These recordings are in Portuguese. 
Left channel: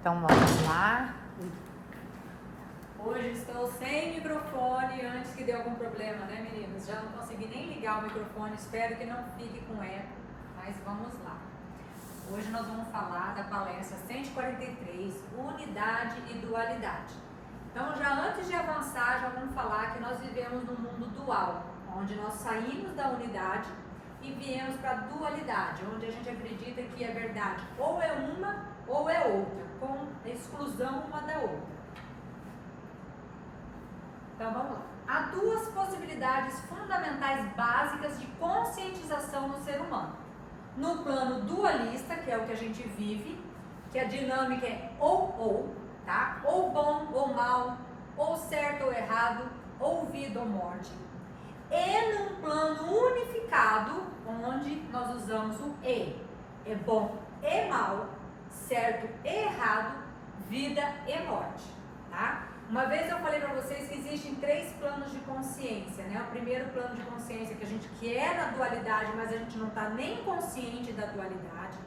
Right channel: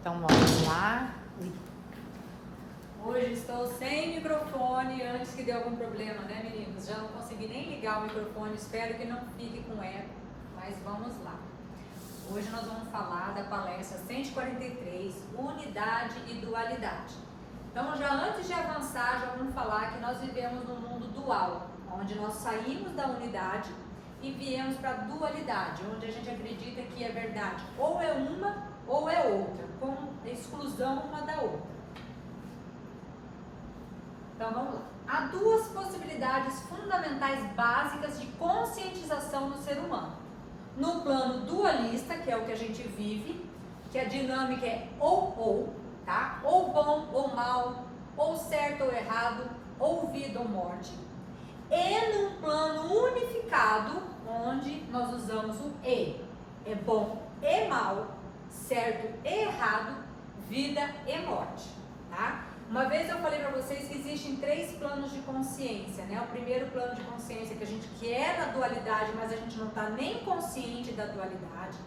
Então vamos lá. Hoje estou sem microfone, antes que dê algum problema, né, meninos? Já não consegui nem ligar o microfone, espero que não fique com eco, mas vamos lá. Hoje nós vamos falar da palestra 143, Unidade e Dualidade. Então, já antes de avançar, já vamos falar que nós vivemos num mundo dual, onde nós saímos da unidade e viemos para a dualidade, onde a gente acredita que é verdade ou é uma ou é outra, com exclusão uma da outra. Então vamos lá. Há duas possibilidades fundamentais básicas de conscientização no ser humano. No plano dualista, que é o que a gente vive, que a dinâmica é ou, tá? Ou bom ou mal, ou certo ou errado, ou vida ou morte. E num plano unificado, onde nós usamos o e. É bom e mal, certo e errado, vida e morte, tá? Uma vez eu falei para vocês que existem 3 planos de consciência, né? O primeiro plano de consciência que a gente quer na dualidade, mas a gente não está nem consciente da dualidade.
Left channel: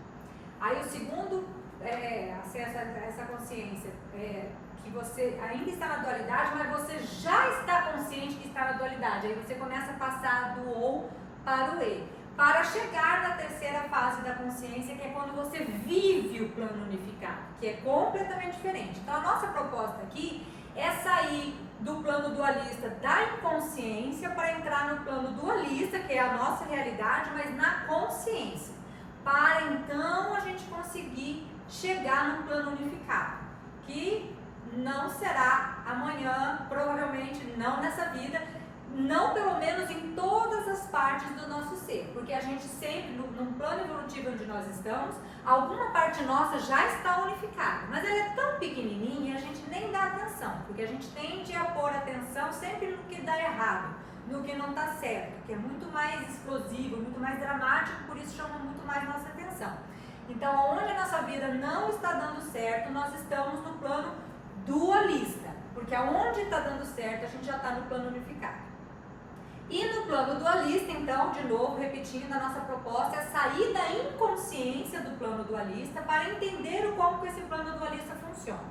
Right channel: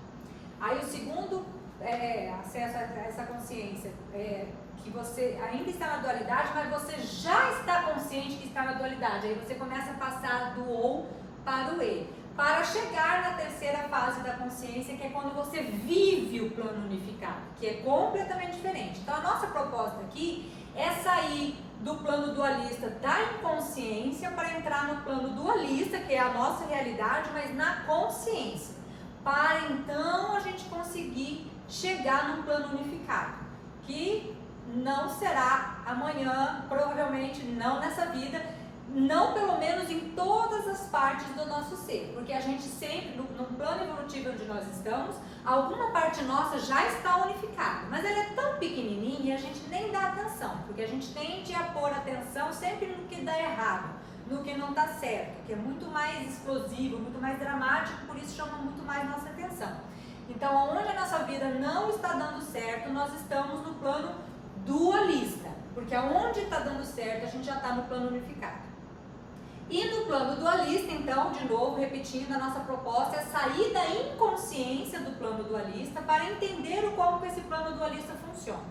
Aí o segundo acesso a essa consciência que você ainda está na dualidade, mas você já está consciente que está na dualidade. Aí você começa a passar do ou para o e, para chegar na terceira fase da consciência, que é quando você vive o plano unificado, que é completamente diferente. Então a nossa proposta aqui é sair do plano dualista da inconsciência para entrar no plano dualista, que é a nossa realidade, mas na consciência, para então a gente conseguir chegar no plano unificado, que não será amanhã, provavelmente não nessa vida, não pelo menos em todas as partes do nosso ser, porque a gente sempre, no plano evolutivo onde nós estamos, alguma parte nossa já está unificada, mas ela é tão pequenininha e a gente nem dá atenção, porque a gente tende a pôr atenção sempre no que dá errado, no que não está certo, que é muito mais explosivo, muito mais dramático, por isso chama muito mais nossa atenção. Então, onde a nossa vida não está dando certo, nós estamos no plano dualista, porque aonde está dando certo, a gente já está no plano unificado. E no plano dualista, então, de novo, repetindo, a nossa proposta é sair da inconsciência do plano dualista para entender como que esse plano dualista funciona.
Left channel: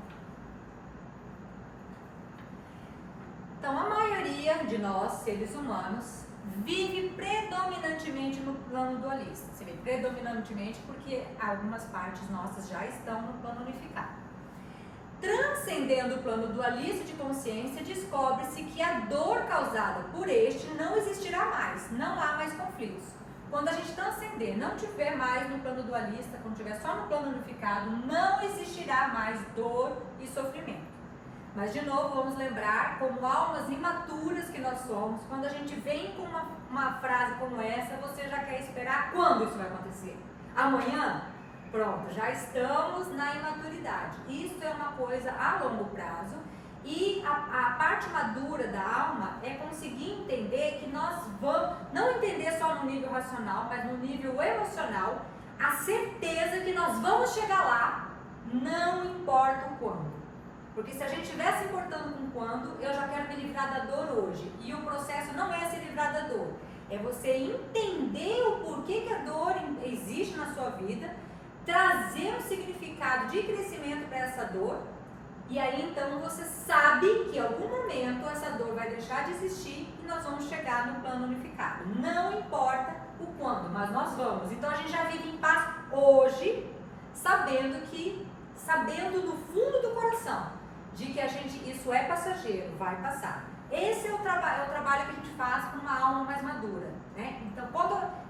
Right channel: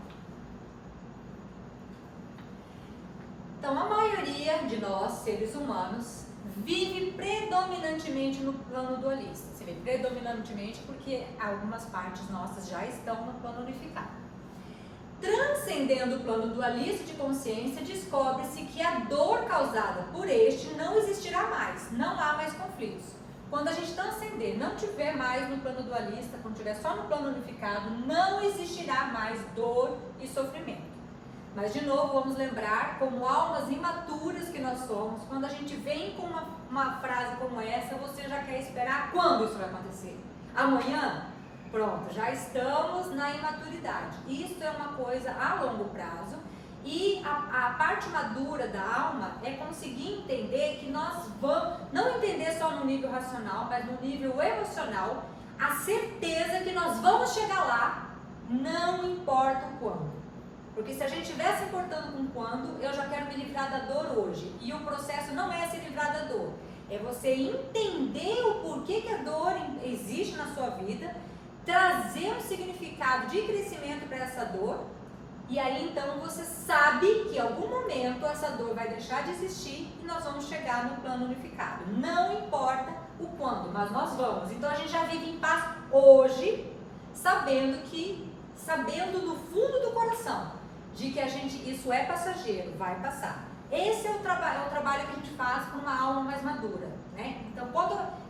Então, a maioria de nós, seres humanos, vive predominantemente no plano dualista. Você vê, predominantemente porque algumas partes nossas já estão no plano unificado. Transcendendo o plano dualista de consciência, descobre-se que a dor causada por este não existirá mais, não há mais conflitos. Quando a gente transcender, não tiver mais no plano dualista, quando tiver só no plano unificado, não existirá mais dor e sofrimento. Mas de novo, vamos lembrar, como almas imaturas que nós somos, quando a gente vem com uma frase como essa, você já quer esperar quando isso vai acontecer? Amanhã? Pronto, já estamos na imaturidade. Isso é uma coisa a longo prazo e a parte madura da alma é conseguir entender que nós vamos, não entender só no nível racional, mas no nível emocional, a certeza que nós vamos chegar lá, não importa o quando. Porque se a gente estiver se importando com quando, eu já quero me livrar da dor hoje. E o processo não é se livrar da dor, é você entender o porquê que a dor existe na sua vida, trazer um significado de crescimento para essa dor, e aí então você sabe que em algum momento essa dor vai deixar de existir e nós vamos chegar no plano unificado. Não importa o quando, mas nós vamos. Então a gente já vive em paz hoje, sabendo no fundo do coração, de que isso é passageiro, vai passar. Esse é o trabalho que a gente faz para uma alma mais madura, né? Então,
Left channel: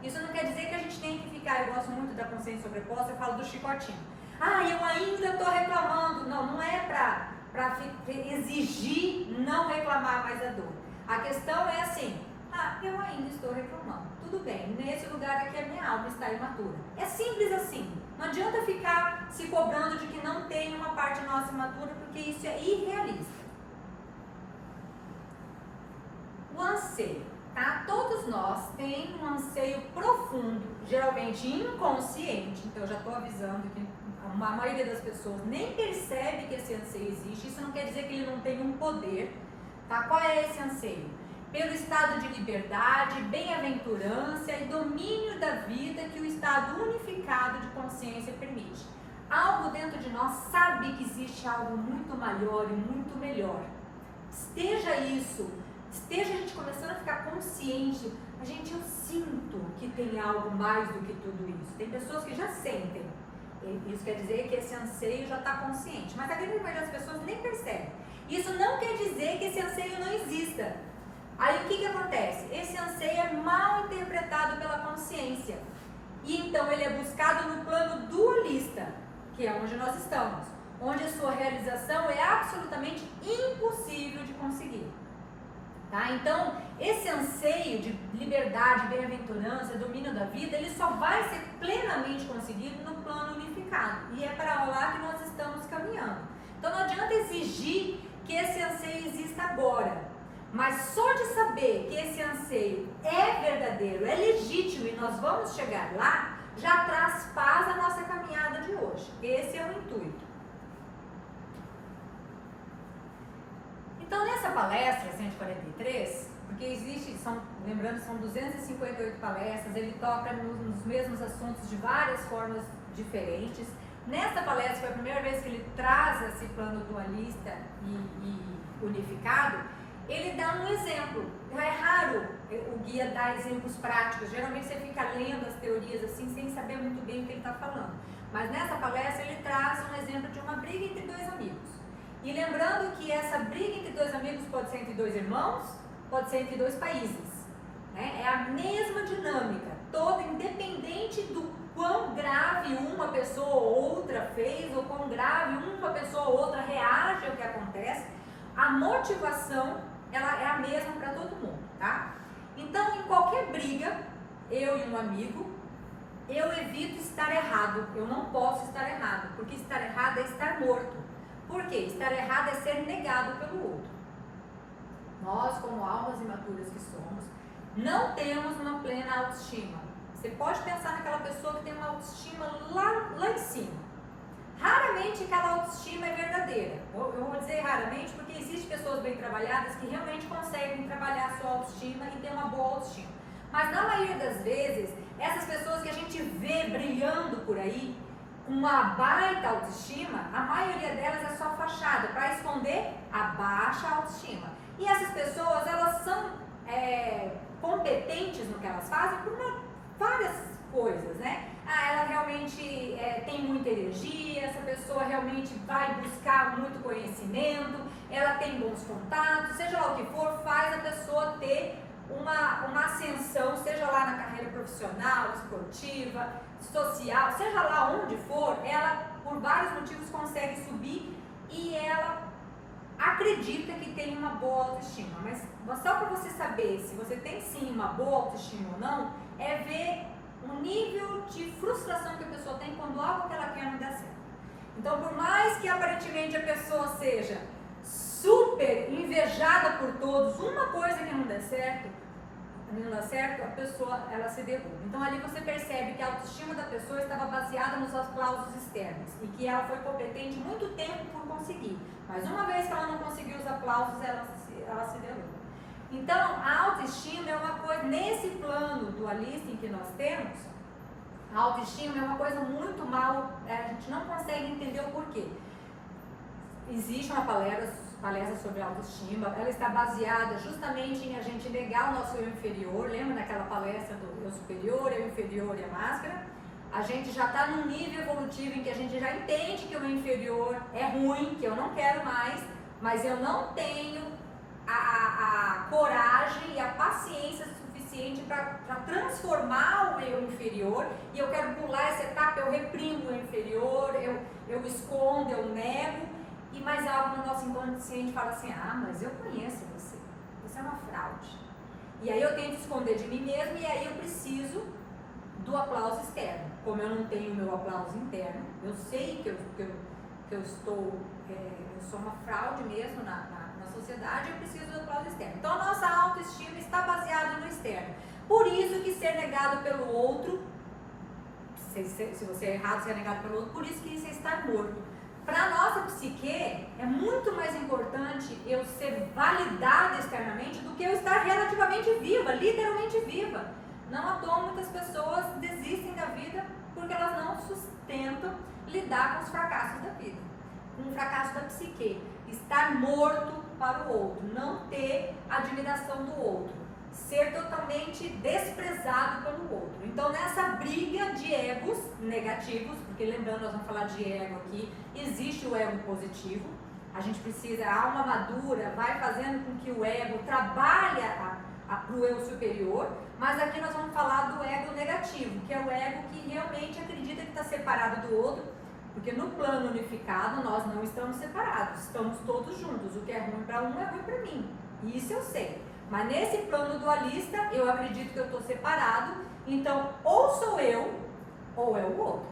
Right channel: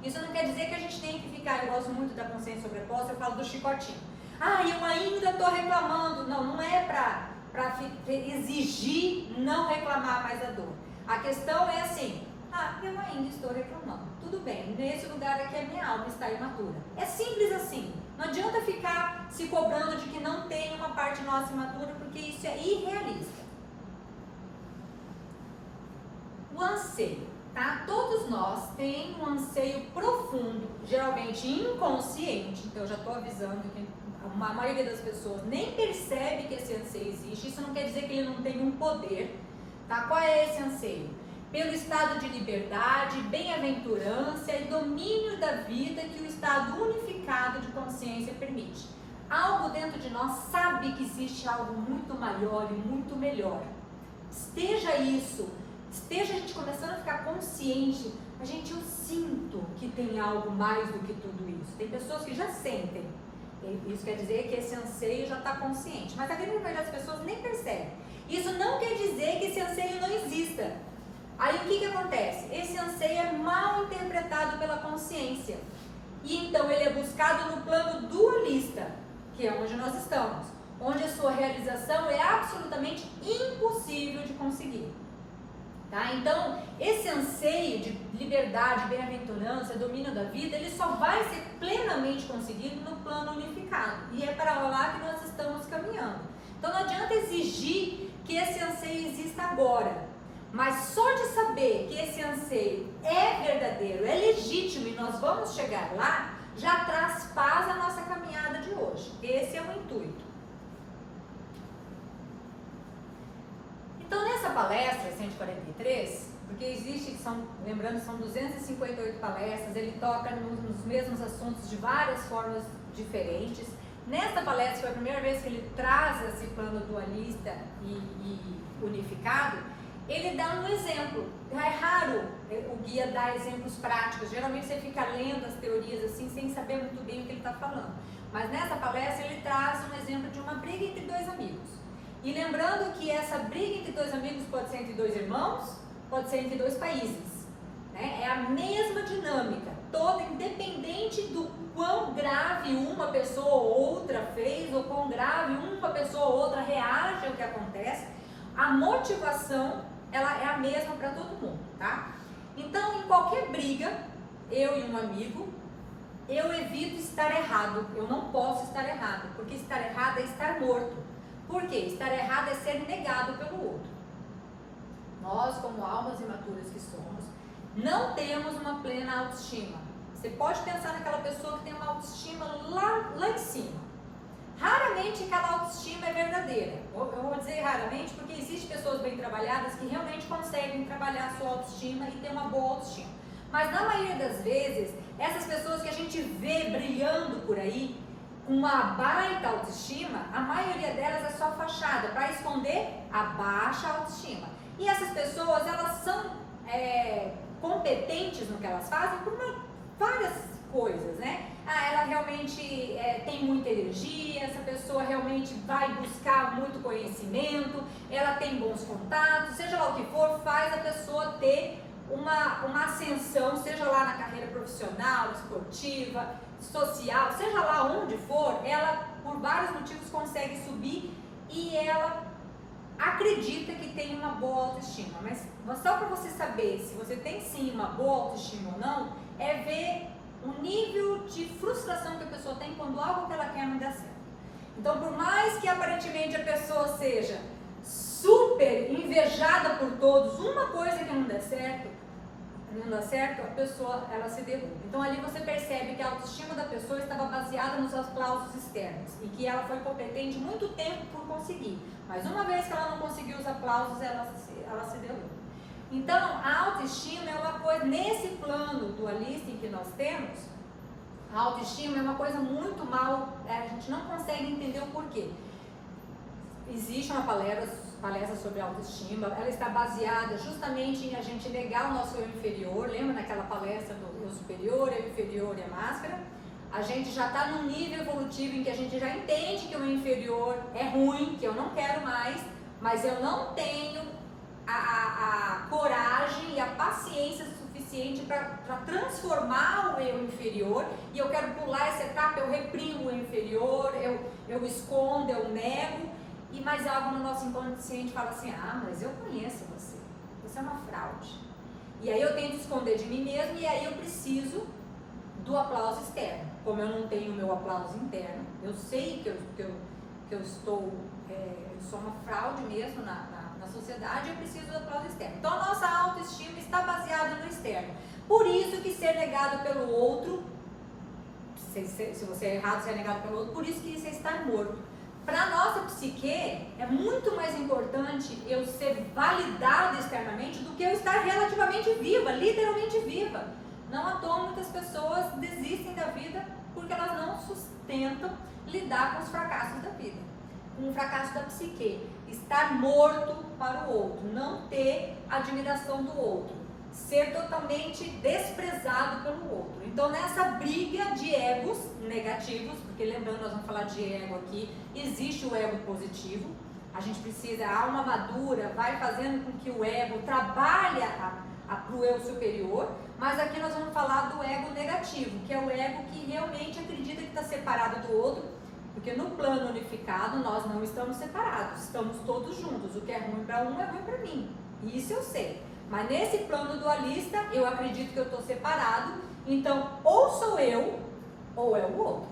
isso não quer dizer que a gente tem que ficar, eu gosto muito da consciência sobreposta, eu falo do chicotinho. Eu ainda estou reclamando. Não é para exigir não reclamar mais da dor. A questão é assim, eu ainda estou reclamando. Tudo bem, nesse lugar aqui a minha alma está imatura. É simples assim. Não adianta ficar se cobrando de que não tem uma parte nossa imatura, porque isso é irrealista. O anseio, tá? Todos nós temos um anseio profundo, geralmente inconsciente, então eu já estou avisando que a maioria das pessoas nem percebe que esse anseio existe. Isso não quer dizer que ele não tem um poder, tá? Qual é esse anseio? Pelo estado de liberdade, bem-aventurança e domínio da vida que o estado unificado de consciência permite. algo dentro de nós sabe que existe algo muito maior e muito melhor. Esteja a gente começando a ficar consciente, eu sinto que tem algo mais do que tudo isso. Tem pessoas que já sentem, isso quer dizer que esse anseio já está consciente, mas a grande maioria das pessoas nem percebe. Isso não quer dizer que esse anseio não exista. Aí o que acontece? Esse anseio é mal interpretado pela consciência, e então ele é buscado no plano dualista, que é onde nós estamos, onde a sua realização é absolutamente impossível de conseguir. Tá? Então, esse anseio de liberdade, bem-aventurança, domínio da vida, ele só vai ser plenamente conseguido no plano unificado. E é para lá que nós estamos caminhando. Então, não adianta exigir que esse anseio exista agora. Mas só de saber que esse anseio é verdadeiro, é legítimo e nós vamos chegar lá, já traz paz à nossa caminhada de hoje. Esse é o intuito. Então, nessa palestra 143, porque lembrando, são 258 palestras, ele toca nos mesmos assuntos de várias formas diferentes. Nessa palestra foi a primeira vez que ele traz esse plano dualista e unificado. Ele dá um exemplo. É raro o guia dar exemplos práticos. Geralmente você fica lendo as teorias assim, sem saber muito bem o que ele está falando. Mas nessa palestra ele traz um exemplo de uma briga entre dois amigos. E lembrando que essa briga entre dois amigos pode ser entre dois irmãos, pode ser entre dois países. Né? É a mesma dinâmica, toda independente do quão grave uma pessoa ou outra fez, ou quão grave uma pessoa ou outra reage ao que acontece, a motivação ela é a mesma para todo mundo, tá? Então, em qualquer briga, eu e um amigo, eu evito estar errado. Eu não posso estar errado, porque estar errado é estar morto. Por quê? Estar errado é ser negado pelo outro. Nós, como almas imaturas que somos, não temos uma plena autoestima. Você pode pensar naquela pessoa que tem uma autoestima lá em cima. Raramente aquela autoestima é verdadeira. Eu vou dizer raramente porque existem pessoas bem trabalhadas que realmente conseguem trabalhar a sua autoestima e ter uma boa autoestima. Mas na maioria das vezes, essas pessoas que a gente vê brilhando por aí, com uma baita autoestima, a maioria delas é só fachada para esconder a baixa autoestima. E essas pessoas, elas são competentes no que elas fazem por várias coisas, né? Ela realmente tem muita energia, essa pessoa realmente vai buscar muito conhecimento, ela tem bons contatos, seja lá o que for, faz a pessoa ter uma ascensão, seja lá na carreira profissional, esportiva, social, seja lá onde for, ela por vários motivos consegue subir e ela acredita que tem uma boa autoestima. Mas só para você saber se você tem sim uma boa autoestima ou não, é ver o nível de frustração que a pessoa tem quando algo que ela quer não dá certo. Então, por mais que aparentemente a pessoa seja super invejada por todos, uma coisa que não dá certo, a pessoa ela se derruba. Então ali você percebe que a autoestima da pessoa estava baseada nos aplausos externos e que ela foi competente muito tempo por conseguir, mas uma vez que ela não conseguiu os aplausos, ela se derruba. Então a autoestima é uma coisa, nesse plano dualista em que nós temos, a autoestima é uma coisa muito mal, a gente não consegue entender o porquê. Existe uma palestra sobre autoestima, ela está baseada justamente em a gente negar o nosso eu inferior. Lembra naquela palestra do eu superior, eu inferior e a máscara? A gente já está num nível evolutivo em que a gente já entende que o inferior é ruim, que eu não quero mais, mas eu não tenho a coragem e a paciência suficiente para transformar o eu inferior, e eu quero pular essa etapa, eu reprimo o inferior, eu escondo, eu nego. E mais algo no nosso inconsciente fala assim, mas eu conheço você é uma fraude. E aí eu tento esconder de mim mesmo e aí eu preciso do aplauso externo. Como eu não tenho o meu aplauso interno, eu sei que eu sou uma fraude mesmo na sociedade, eu preciso do aplauso externo. Então a nossa autoestima está baseada no externo. Por isso que ser negado pelo outro, se você é errado, ser é negado pelo outro, por isso que isso é estar morto. Para a nossa psique, é muito mais importante eu ser validada externamente do que eu estar relativamente viva, literalmente viva. Não à toa muitas pessoas desistem da vida porque elas não tentam lidar com os fracassos da vida, com o fracasso da psique, estar morto para o outro, não ter admiração do outro, ser totalmente desprezado pelo outro. Então, nessa briga de egos negativos, porque lembrando, nós vamos falar de ego aqui, existe o ego positivo, a gente precisa, a alma madura vai fazendo com que o ego trabalhe para o eu superior, mas aqui nós vamos falar do ego negativo, que é o ego que realmente acredita que está separado do outro, porque no plano unificado nós não estamos separados, estamos todos juntos, o que é ruim para um é ruim para mim, isso eu sei. Mas nesse plano dualista, eu acredito que eu estou separado, então ou sou eu, ou é o outro.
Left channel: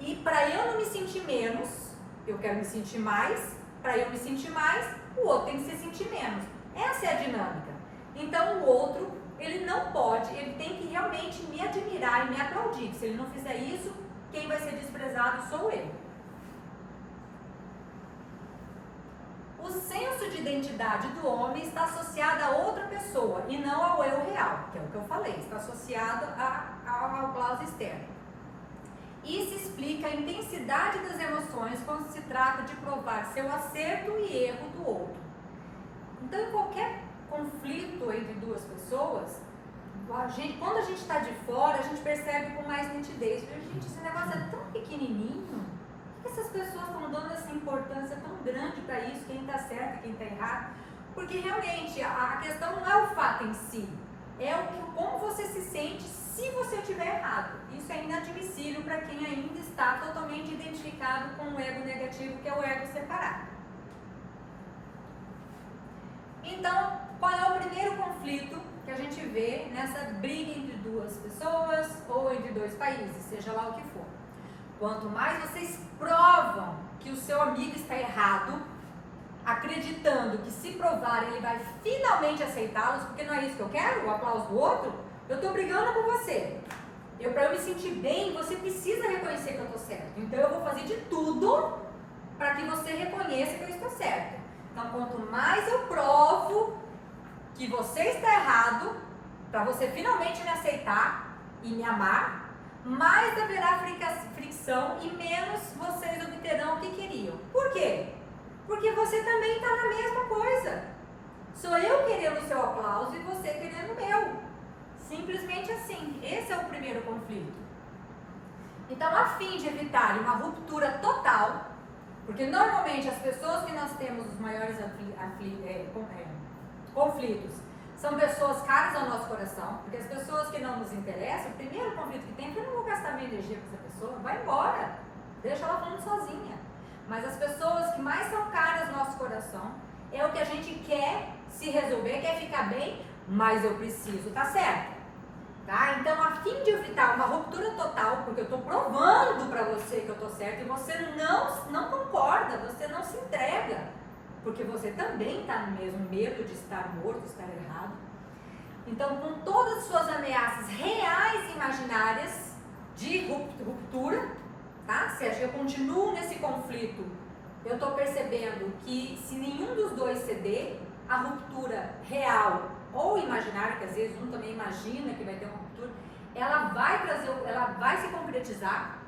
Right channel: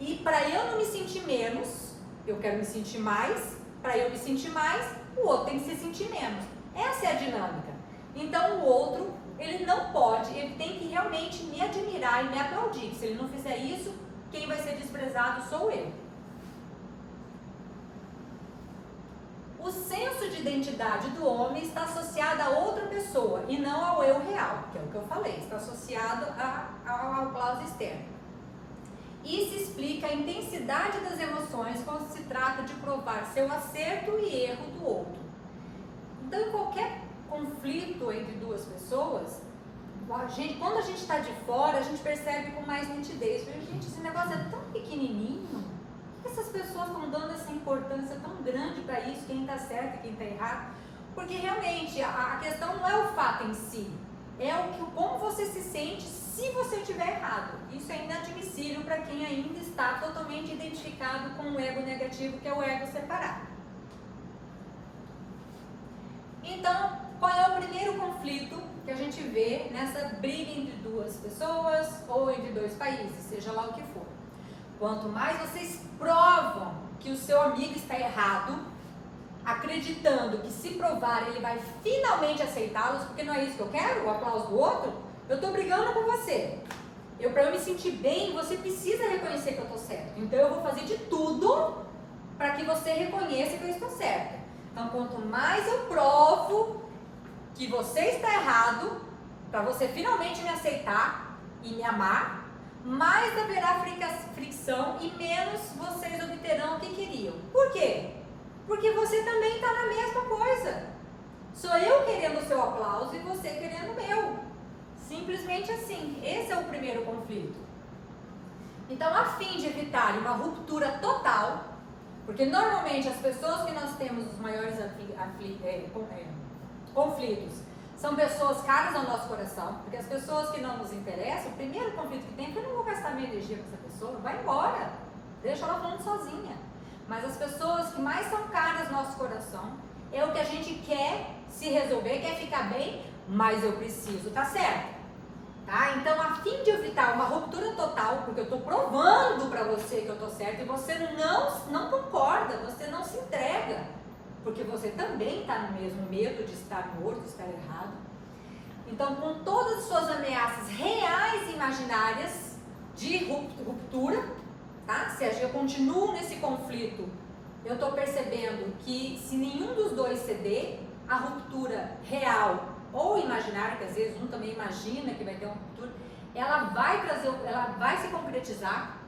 E para eu não me sentir menos, eu quero me sentir mais, para eu me sentir mais, o outro tem que se sentir menos. Essa é a dinâmica. Então o outro, ele não pode, ele tem que realmente me admirar e me aplaudir. Se ele não fizer isso, quem vai ser desprezado sou eu. O senso de identidade do homem está associado a outra pessoa e não ao eu real, que é o que eu falei, está associado ao aplauso externo. Isso explica a intensidade das emoções quando se trata de provar seu acerto e erro do outro. Então, em qualquer conflito entre duas pessoas, quando a gente está de fora, a gente percebe com mais nitidez. Gente, esse negócio é tão pequenininho. Por que essas pessoas estão dando essa importância tão grande para isso, quem está certo e quem está errado? Porque realmente a questão não é o fato em si, é como você se sente se você estiver errado. Isso é inadmissível para quem ainda está totalmente identificado com o ego negativo, que é o ego separado. Então, qual é o primeiro conflito que a gente vê nessa briga entre duas pessoas ou entre dois países, seja lá o que for? Quanto mais vocês provam que o seu amigo está errado, acreditando que se provar ele vai finalmente aceitá-los, porque não é isso que eu quero, o aplauso do outro, eu estou brigando com você. Para eu me sentir bem, você precisa reconhecer que eu estou certo. Então eu vou fazer de tudo para que você reconheça que eu estou certo. Então quanto mais eu provo que você está errado, para você finalmente me aceitar e me amar, mais haverá fricção e menos vocês obterão o que queriam. Por quê? Porque você também está na mesma coisa. Sou eu querendo o seu aplauso e você querendo o meu. Simplesmente assim. Esse é o primeiro conflito. Então, a fim de evitar uma ruptura total, porque normalmente as pessoas que nós temos os maiores conflitos são pessoas caras ao nosso coração, porque as pessoas que não nos interessam, o primeiro conflito que tem é que eu não vou gastar minha energia com essa pessoa, vai embora, deixa ela falando sozinha. Mas as pessoas que mais são caras ao nosso coração, é o que a gente quer se resolver, quer ficar bem, mas eu preciso, tá certo? Tá? Então, a fim de evitar uma ruptura total, porque eu estou provando para você que eu estou certo e você não concorda, você não se entrega, porque você também está no mesmo medo de estar morto, de estar errado. Então, com todas as suas ameaças reais e imaginárias de ruptura, tá? Se eu continuo nesse conflito, eu estou percebendo que se nenhum dos dois ceder, a ruptura real ou imaginária, que às vezes um também imagina que vai ter uma ruptura, ela vai se concretizar.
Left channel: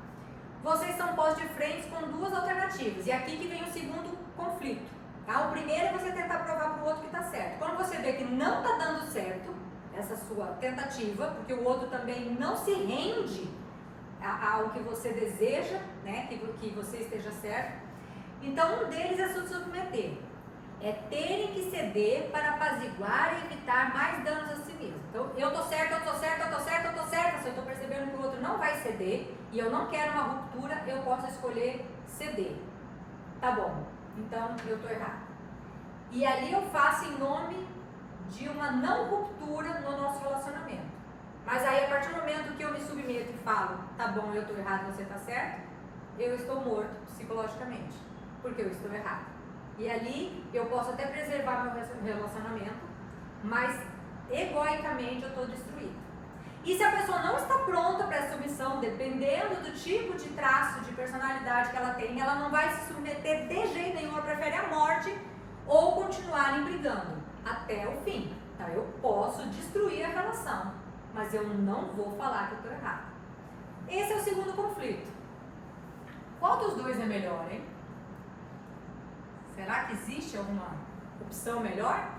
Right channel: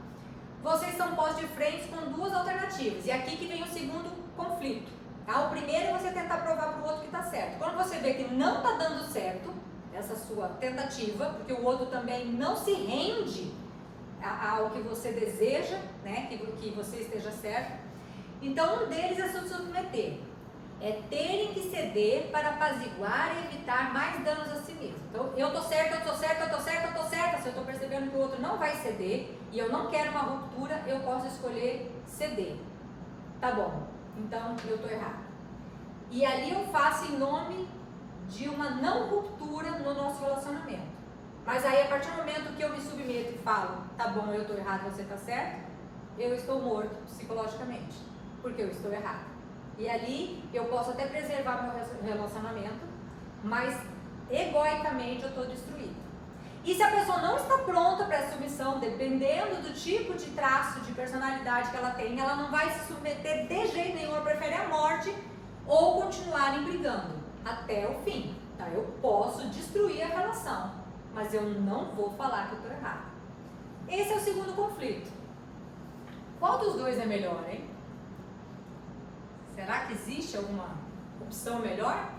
Vocês são postos de frente com duas alternativas. E aqui que vem o segundo conflito. Tá? O primeiro é você tentar provar para o outro que está certo. Quando você vê que não está dando certo, essa sua tentativa, porque o outro também não se rende ao que você deseja, né? que você esteja certo, então um deles é se submeter. É terem que ceder para apaziguar e evitar mais danos a si mesmo. Então, eu estou certa, eu estou certa, eu estou certa, eu estou certa. Se eu estou percebendo que o outro não vai ceder e eu não quero uma ruptura, eu posso escolher ceder. Tá bom, então eu estou errada. E ali eu faço em nome de uma não ruptura no nosso relacionamento. Mas aí, a partir do momento que eu me submeto e falo, tá bom, eu estou errado, você está certo, eu estou morto psicologicamente, porque eu estou errado. E ali eu posso até preservar meu relacionamento, mas egoicamente eu estou destruído. E se a pessoa não está pronta para essa submissão, dependendo do tipo de traço de personalidade que ela tem, ela não vai se submeter de jeito nenhum, ela prefere a morte ou continuarem brigando até o fim. Tá? Eu posso destruir a relação, mas eu não vou falar que eu estou errado. Esse é o segundo conflito. Qual dos dois é melhor, hein? Será que existe alguma opção melhor?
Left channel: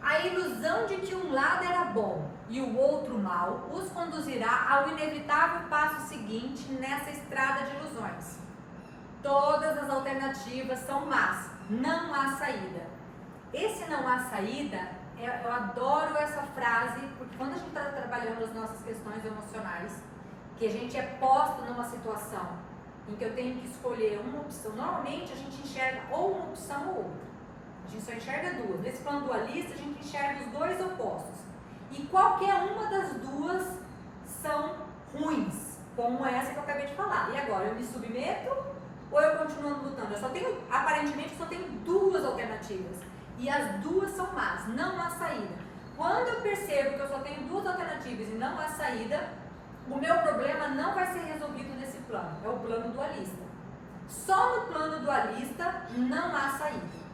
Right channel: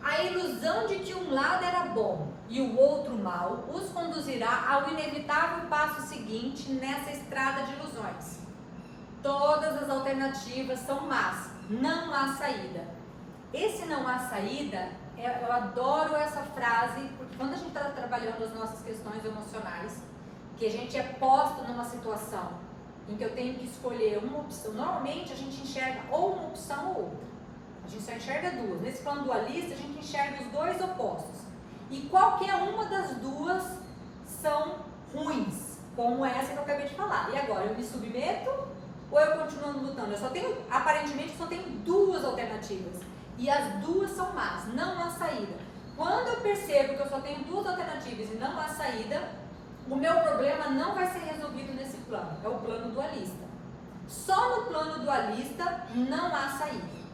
A ilusão de que um lado era bom e o outro mal os conduzirá ao inevitável passo seguinte nessa estrada de ilusões. Todas as alternativas são más, não há saída. Esse não há saída, eu adoro essa frase, porque quando a gente está trabalhando as nossas questões emocionais, que a gente é posto numa situação em que eu tenho que escolher uma opção, normalmente a gente enxerga ou uma opção ou outra. A gente só enxerga duas. Nesse plano dualista, a gente enxerga os dois opostos. E qualquer uma das duas são ruins, como essa que eu acabei de falar. E agora, eu me submeto ou eu continuo lutando? Aparentemente, só tenho duas alternativas. E as duas são más, não há saída. Quando eu percebo que eu só tenho duas alternativas e não há saída, o meu problema não vai ser resolvido nesse plano. É o plano dualista. Só no plano dualista não há saída.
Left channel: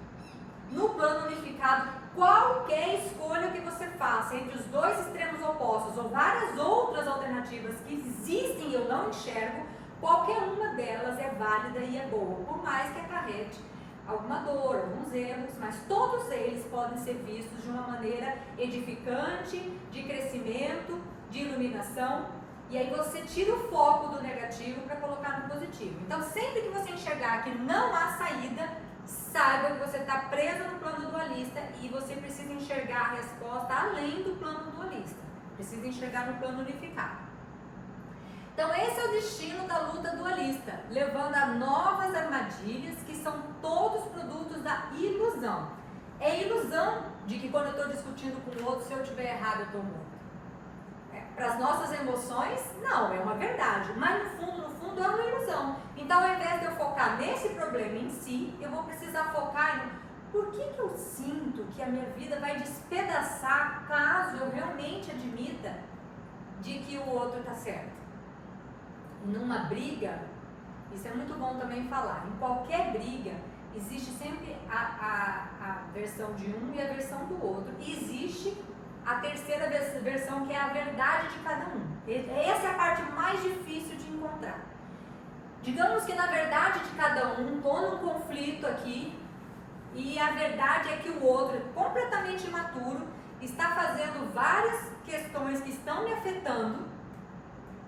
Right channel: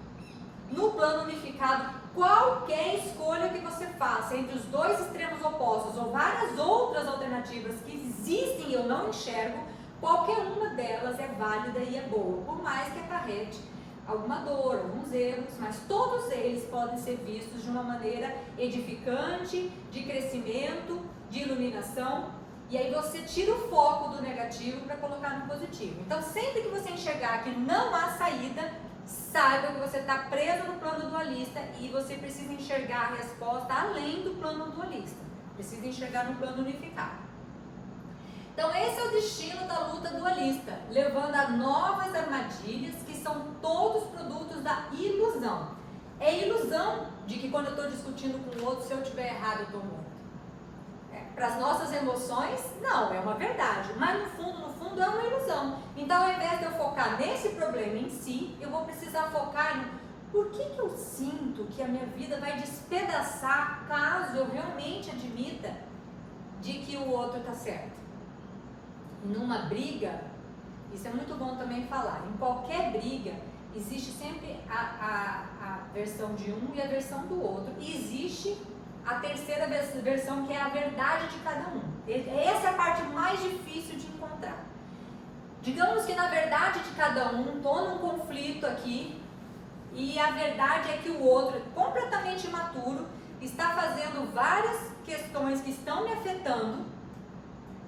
No plano unificado, qualquer escolha que você faça entre os dois extremos opostos ou várias outras alternativas que existem e eu não enxergo, qualquer uma delas é válida e é boa, por mais que acarrete alguma dor, alguns erros, mas todos eles podem ser vistos de uma maneira edificante, de crescimento, de iluminação, e aí você tira o foco do negativo para colocar no positivo. Então, sempre que você enxergar que não há saída, saiba que você está preso no plano dualista e você precisa enxergar a resposta além do plano dualista. Precisa enxergar no plano unificado. Então, esse é o destino da luta dualista, levando a novas armadilhas que são todos produtos da ilusão. É ilusão de que quando eu estou discutindo com o outro, se eu estiver errado, eu estou morto. Para as nossas emoções, não, é uma verdade, mas no fundo é uma ilusão. Então, ao invés de eu focar nesse problema em si, eu vou precisar focar em por que eu sinto que a minha vida vai despedaçar caso eu realmente admita de que o outro está certo. Numa briga, isso é muito bom também falar, em qualquer briga existe sempre a versão de um e a versão do outro, e existe a terceira versão, que é a verdade de cada um. Essa é a parte mais difícil de encontrar. Digamos que na verdade de cada um, estou num conflito aqui, e a verdade é que o outro é completamente imaturo, está fazendo várias questões que estão me afetando,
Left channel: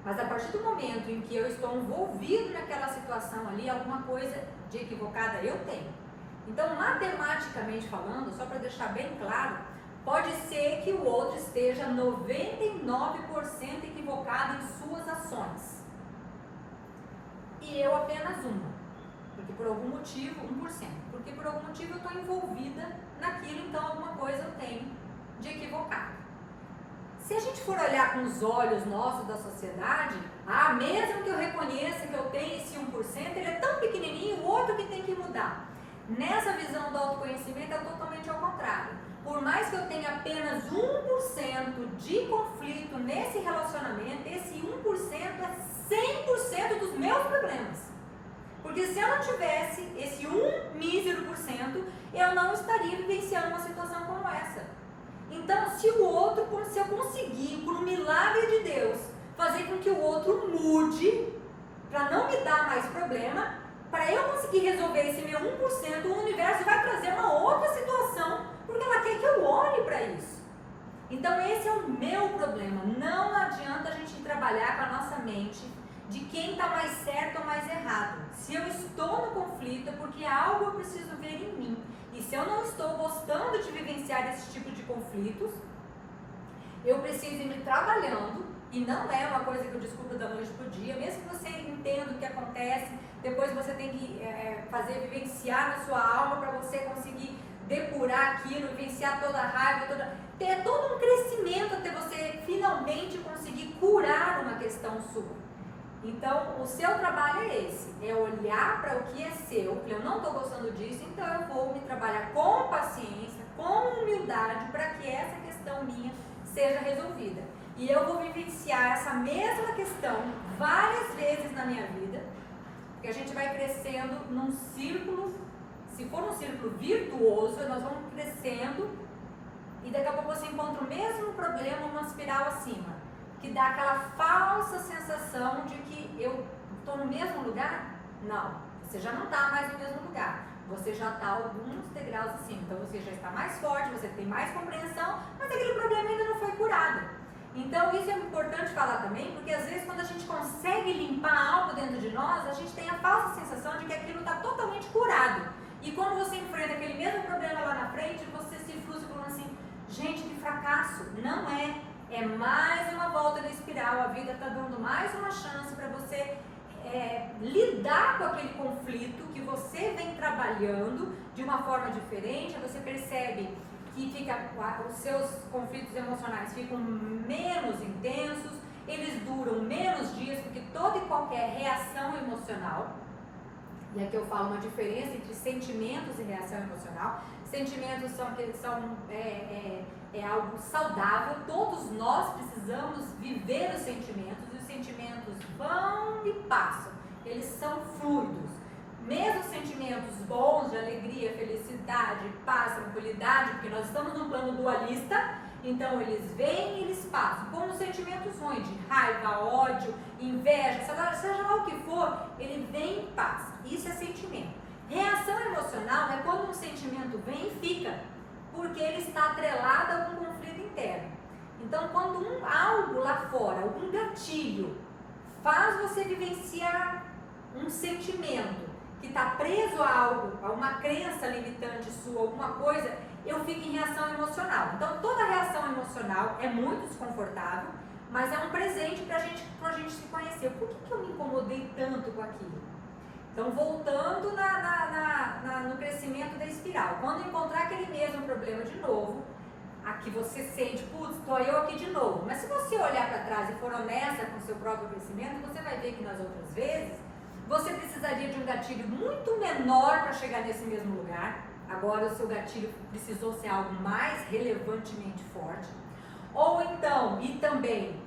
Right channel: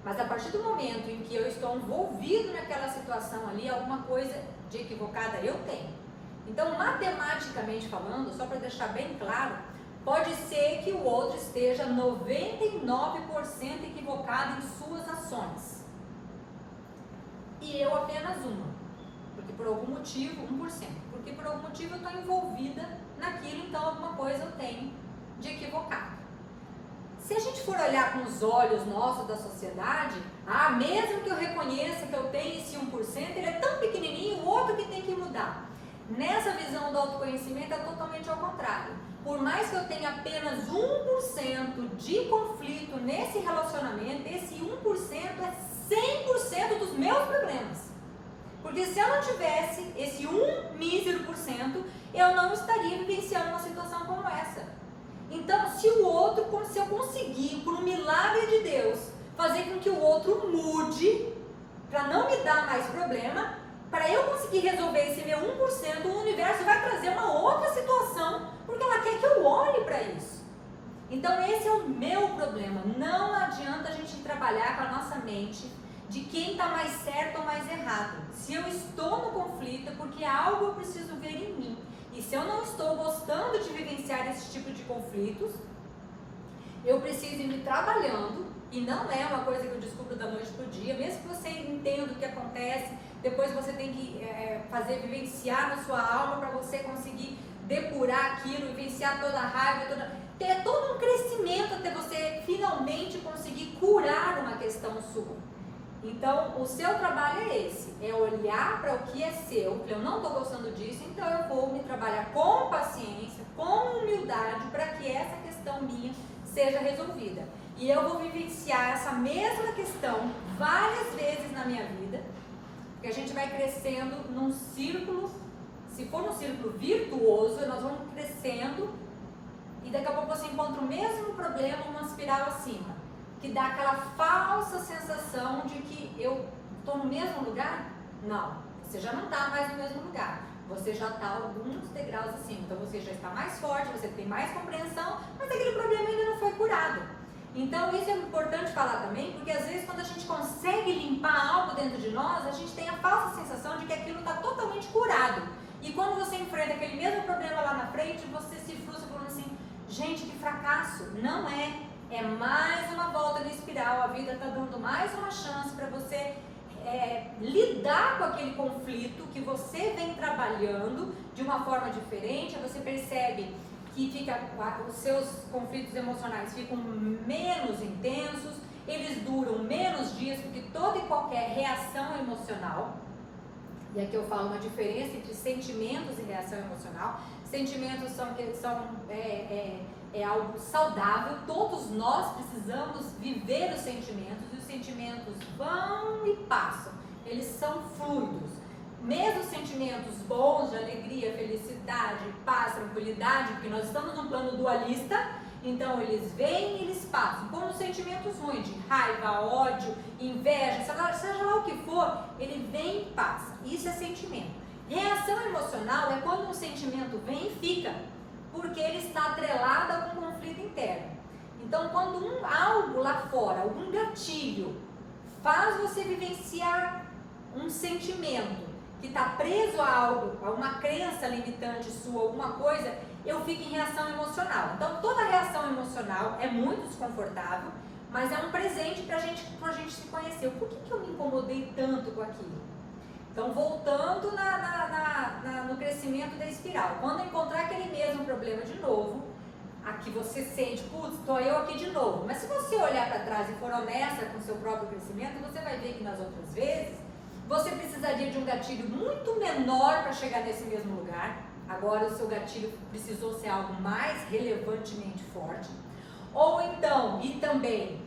mas a partir do momento em que eu estou envolvido naquela situação ali, alguma coisa de equivocada eu tenho. Então, matematicamente falando, só para deixar bem claro, pode ser que o outro esteja 99% equivocado em suas ações. E eu apenas uma. Porque por algum motivo, 1%. Porque por algum motivo eu estou envolvida naquilo, então alguma coisa eu tenho de equivocado. Se a gente for olhar com os olhos nossos da sociedade, mesmo que eu reconheça que eu tenho esse 1%, ele é tão pequenininho, o outro que tem que mudar. Nessa visão do autoconhecimento é totalmente ao contrário. Por mais que eu tenha apenas 1% de conflito nesse relacionamento, esse 1% é 100% dos meus problemas. Porque se eu não tivesse esse 1 mísero por cento, eu não estaria vivenciando uma situação como essa. Então, se eu conseguir, por um milagre de Deus, fazer com que o outro mude, para não me dar mais problema, para eu conseguir resolver esse meu 1%, o universo vai trazer uma outra situação, porque ela quer que eu olhe para isso. Então, esse é o meu problema. Não adianta a gente trabalhar com a nossa mente de quem está mais certo ou mais errado. Se eu estou no conflito, é porque algo eu preciso ver em mim. E se eu não estou gostando de vivenciar esse tipo de conflitos, eu preciso ir me trabalhando, e não é uma coisa que eu descubro da noite para o dia, mesmo que você entenda o que acontece, depois você tem que vivenciar na sua alma para você conseguir depurar aquilo, vivenciar toda a raiva, ter todo um crescimento até você finalmente conseguir curar uma questão sua. Então, o seu trabalho é esse, é olhar para o que é seu, eu não estou gostando disso, então eu vou me trabalhar com paciência, com humildade, para que essa questão minha seja resolvida. E eu vou vivenciar essa mesma questão várias vezes na minha vida, porque a gente vai crescendo num círculo, se for um círculo virtuoso, nós vamos crescendo, e daqui a pouco você encontra o mesmo problema, uma espiral acima, que dá aquela falsa sensação de que eu estou no mesmo lugar, Não, você já não está mais no mesmo lugar. Você já está alguns degraus acima. Então você já está mais forte, você tem mais compreensão, mas aquele problema ainda não foi curado. Então isso é importante falar também, porque às vezes quando a gente consegue limpar algo dentro de nós, a gente tem a falsa sensação de que aquilo está totalmente curado. E quando você enfrenta aquele mesmo problema lá na frente, você se frustra falando assim, gente, que fracasso. Não é. É mais uma volta na espiral. A vida está dando mais uma chance para você lidar com aquele conflito que você vem trabalhando de uma forma diferente. Você percebe que os seus conflitos emocionais ficam menos intensos, eles duram menos dias, porque toda e qualquer reação emocional, e aqui eu falo uma diferença entre sentimentos e reação emocional. Sentimentos são algo saudável, todos nós precisamos viver os sentimentos, e os sentimentos vão e passam, eles são fluidos. Mesmo sentimentos bons de alegria, felicidade, paz, tranquilidade, porque nós estamos num plano dualista, então eles vêm e eles passam. Como os sentimentos ruins, de raiva, ódio, inveja, seja lá o que for, ele vem e passa. Isso é sentimento. Reação emocional é quando um sentimento vem e fica, porque ele está atrelado a algum conflito interno. Então, quando algo lá fora, algum gatilho, faz você vivenciar um sentimento que está preso a algo, a uma crença limitante sua, alguma coisa, eu fico em reação emocional. Então, toda reação emocional é muito desconfortável, mas é um presente para a gente se conhecer. Por que eu me incomodei tanto com aquilo? Então, voltando no crescimento da espiral, quando encontrar aquele mesmo problema de novo, aqui você sente, putz, estou eu aqui de novo. Mas se você olhar para trás e for honesta com o seu próprio crescimento, você vai ver que nas outras vezes, você precisaria de um gatilho muito menor para chegar nesse mesmo lugar. Agora o seu gatilho precisou ser algo mais relevantemente forte. Ou então, e também,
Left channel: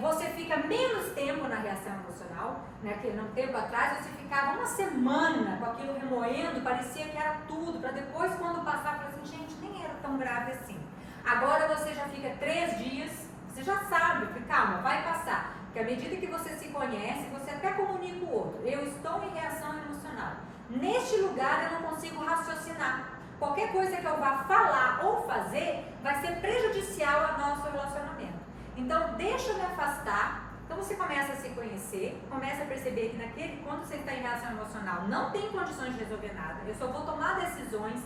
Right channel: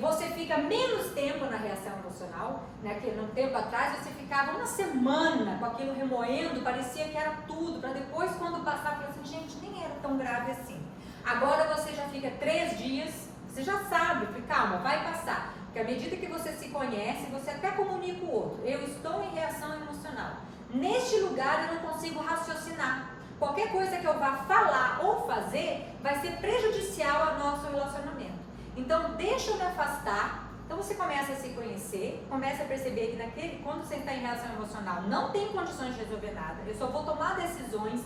você fica menos tempo na reação emocional, né? Que num tempo atrás você ficava uma semana com aquilo remoendo, parecia que era tudo, para depois quando passar, falar assim, gente, nem era tão grave assim. Agora você já fica 3 dias, você já sabe, calma, vai passar. Porque à medida que você se conhece, você até comunica o outro. Eu estou em reação emocional. Neste lugar eu não consigo raciocinar. Qualquer coisa que eu vá falar ou fazer vai ser prejudicial ao nosso relacionamento. Então, deixa eu me afastar. Então, você começa a se conhecer, começa a perceber que quando você está em reação emocional, não tem condições de resolver nada. Eu só vou tomar decisões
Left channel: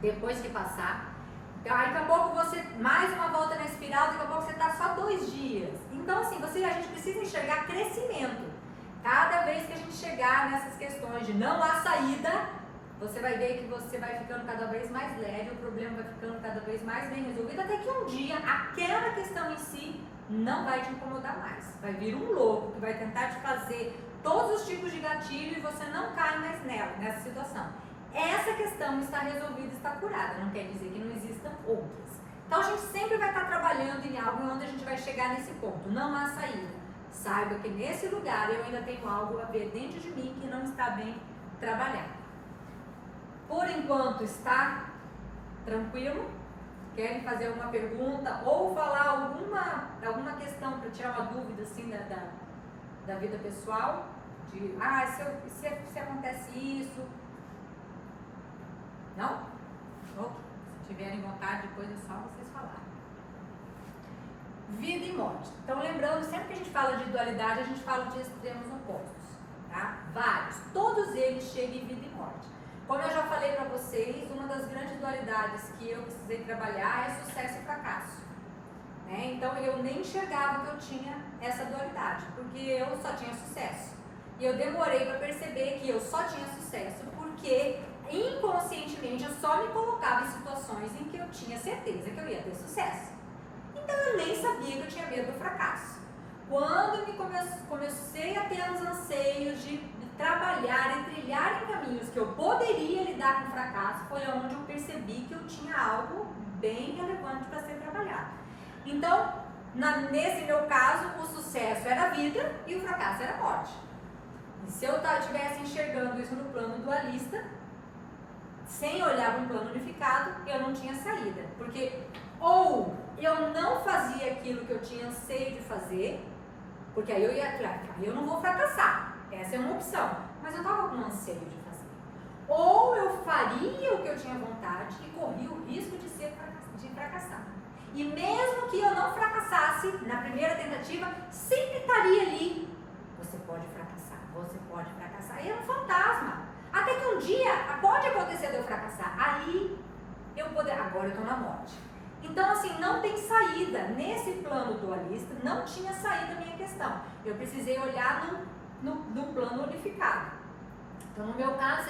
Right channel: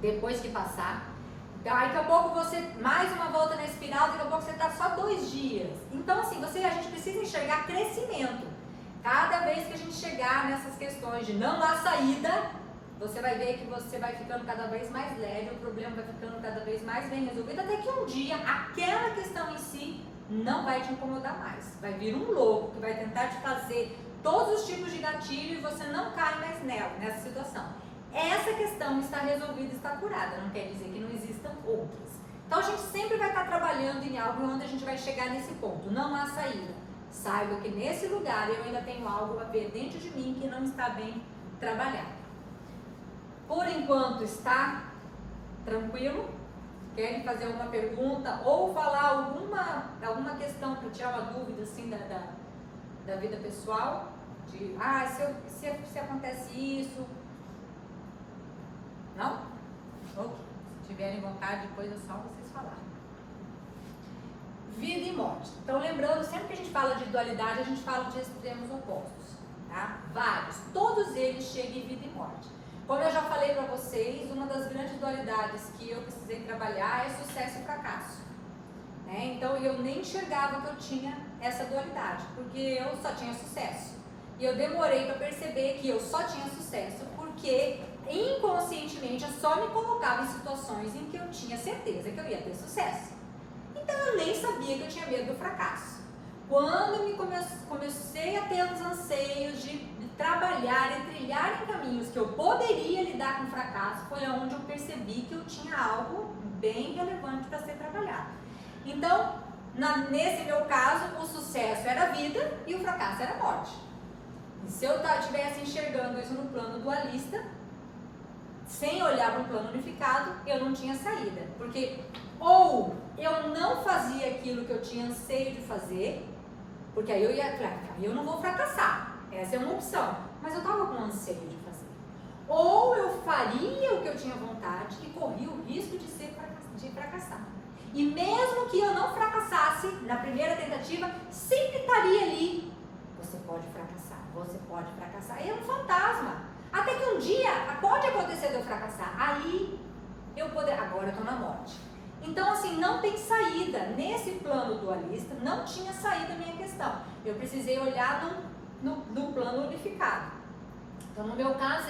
depois que passar. Daqui a pouco você, mais uma volta na espiral, daqui a pouco você está só 2 dias. Então, assim, a gente precisa enxergar crescimento. Cada vez que a gente chegar nessas questões de não há saída, você vai ver que você vai ficando cada vez mais leve, o problema vai ficando cada vez mais bem resolvido, até que um dia aquela questão em si não vai te incomodar mais. Vai vir um louco que vai tentar te fazer todos os tipos de gatilho e você não cai mais nessa situação. Essa questão está resolvida, está curada, não quer dizer que não existam outras. Então a gente sempre vai estar trabalhando em algo onde a gente vai chegar nesse ponto, não há saída. Saiba que nesse lugar eu ainda tenho algo a ver dentro de mim que não está bem trabalhado. Por enquanto está tranquilo? Querem fazer uma pergunta ou falar alguma questão para tirar uma dúvida assim da vida pessoal? Se acontece isso? Não? Ok. Se tiverem vontade, depois é só vocês falarem. Vida e morte. Então, lembrando, sempre que a gente fala de dualidade, a gente fala de extremos opostos, tá? Vários. Todos eles chegam em vida e morte. Como eu já falei para vocês, uma das grandes dualidades que eu precisei trabalhar é sucesso e fracasso. Né? Então, eu nem enxergava que eu tinha essa dualidade, porque eu só tinha sucesso. E eu demorei para perceber que eu só tinha sucesso porque inconscientemente eu só me colocava em situações em que eu tinha certeza que eu ia ter sucesso. Então eu nem sabia que eu tinha medo do fracasso. Quando comecei a ter os anseios de trabalhar e trilhar em caminhos que eu poderia lidar com o fracasso, foi onde eu percebi que eu tinha algo bem relevante para ser trabalhado. Então, nesse meu caso, o sucesso era a vida e o fracasso era a morte. E se eu estivesse enxergando isso no plano dualista, sem olhar para um plano unificado, eu não tinha saída. Porque ou eu não fazia aquilo que eu tinha anseio de fazer, porque aí eu não vou fracassar. Essa é uma opção, mas eu estava com anseio de fazer. Ou eu faria o que eu tinha vontade e corria o risco de fracassar. E mesmo que eu não fracassasse na primeira tentativa, sempre estaria ali. Você pode fracassar, você pode fracassar. E é um fantasma. Até que um dia pode acontecer de eu fracassar. Aí agora eu estou na morte. Então, assim, não tem saída. Nesse plano dualista, não tinha saída a minha questão. Eu precisei olhar num plano unificado. Então, no meu caso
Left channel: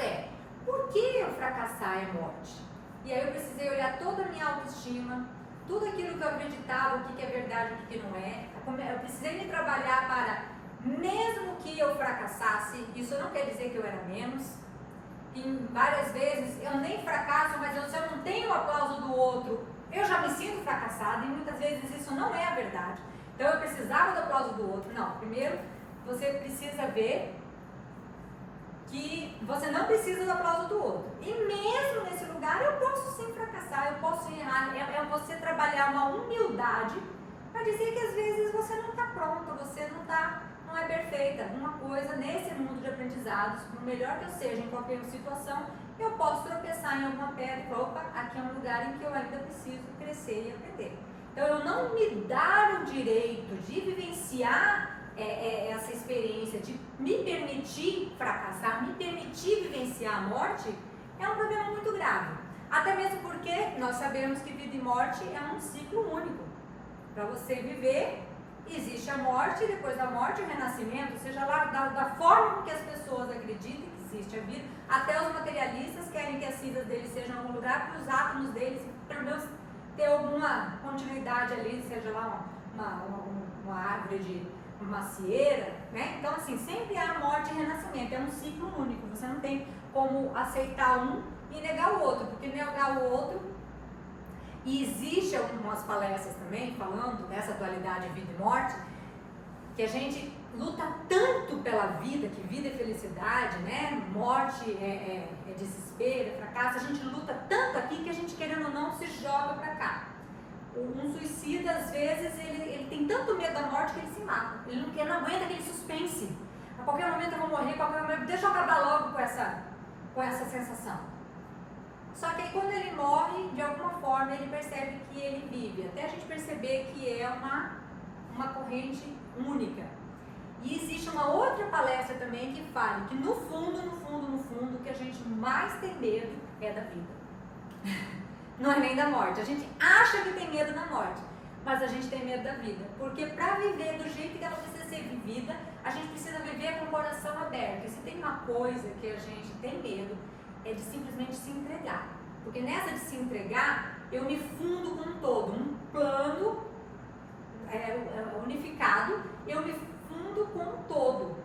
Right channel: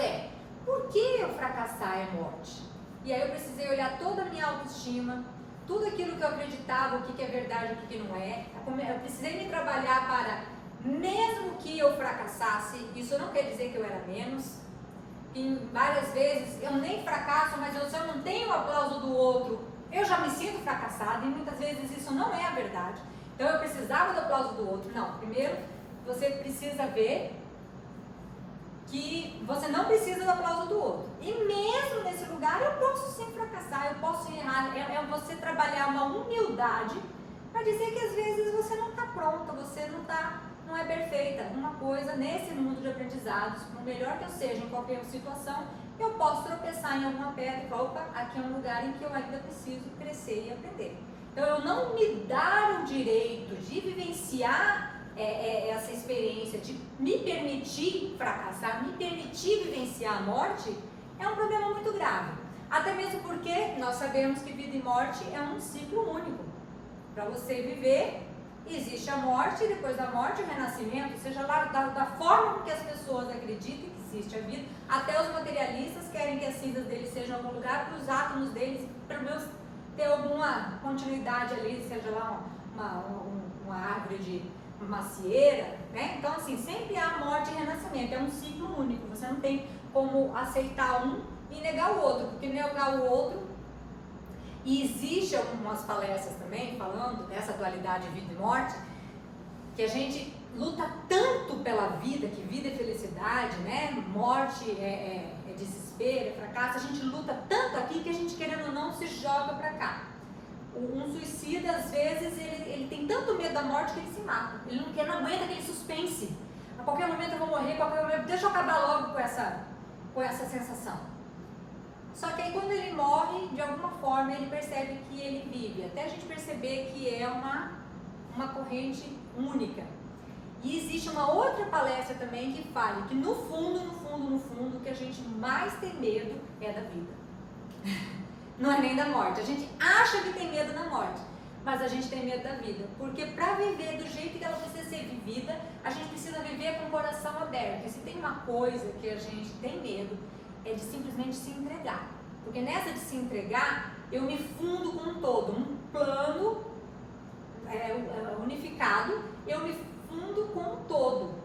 por que eu fracassar é morte? E aí eu precisei olhar toda a minha autoestima, tudo aquilo que eu acreditava, o que é verdade, o que não é. Eu precisei me trabalhar para, mesmo que eu fracassasse, isso não quer dizer que eu era menos. E várias vezes eu nem fracasso, mas se eu não tenho o aplauso do outro, eu já me sinto fracassada, e muitas vezes isso não é a verdade. Então eu precisava do aplauso do outro. Não, primeiro você precisa ver que você não precisa do aplauso do outro. E mesmo nesse lugar eu posso sim fracassar, eu posso errar. É você trabalhar uma humildade para dizer que às vezes você não está pronta, você não é perfeita. Uma coisa nesse mundo de aprendizados, por melhor que eu seja em qualquer situação, eu posso tropeçar em alguma pedra e falar, opa, aqui é um lugar em que eu ainda preciso crescer e aprender. Então eu não me dar o direito de vivenciar essa experiência, de me permitir fracassar, me permitir vivenciar a morte, é um problema muito grave. Até mesmo porque nós sabemos que vida e morte é um ciclo único. Para você viver, existe a morte, e depois da morte o renascimento, seja lá da forma que as pessoas acreditam que existe a vida. Até os materialistas querem que as cinzas deles sejam em algum lugar, para os átomos deles, pelo menos, ter alguma continuidade ali, seja lá uma árvore de macieira, né? Então, assim, sempre há morte e renascimento, é um ciclo único. Você não tem como aceitar um e negar o outro, porque negar o outro, e existe algumas palestras também falando dessa dualidade vida e morte, que a gente luta tanto pela vida, que vida é felicidade, né? Morte é desespero, é fracasso. A gente luta tanto aqui que a gente, querendo ou não, se joga pra cá. Um suicida, às vezes, ele tem tanto medo da morte que ele se mata. Ele não aguenta aquele suspense. A qualquer momento eu vou morrer, a qualquer momento, deixa eu acabar logo com essa sensação. Só que aí quando ele morre, de alguma forma, ele percebe que ele vive. Até a gente perceber que é uma corrente única. E existe uma outra palestra também que fala que no fundo, o que a gente mais tem medo é da vida. Não é nem da morte. A gente acha que tem medo da morte, mas a gente tem medo da vida. Porque para viver do jeito que ela precisa ser vivida, a gente precisa viver com o coração aberto. E se tem uma coisa que a gente tem medo, é de simplesmente se entregar. Porque nessa de se entregar, eu me fundo com um todo. Um plano unificado, eu me fundo com um todo.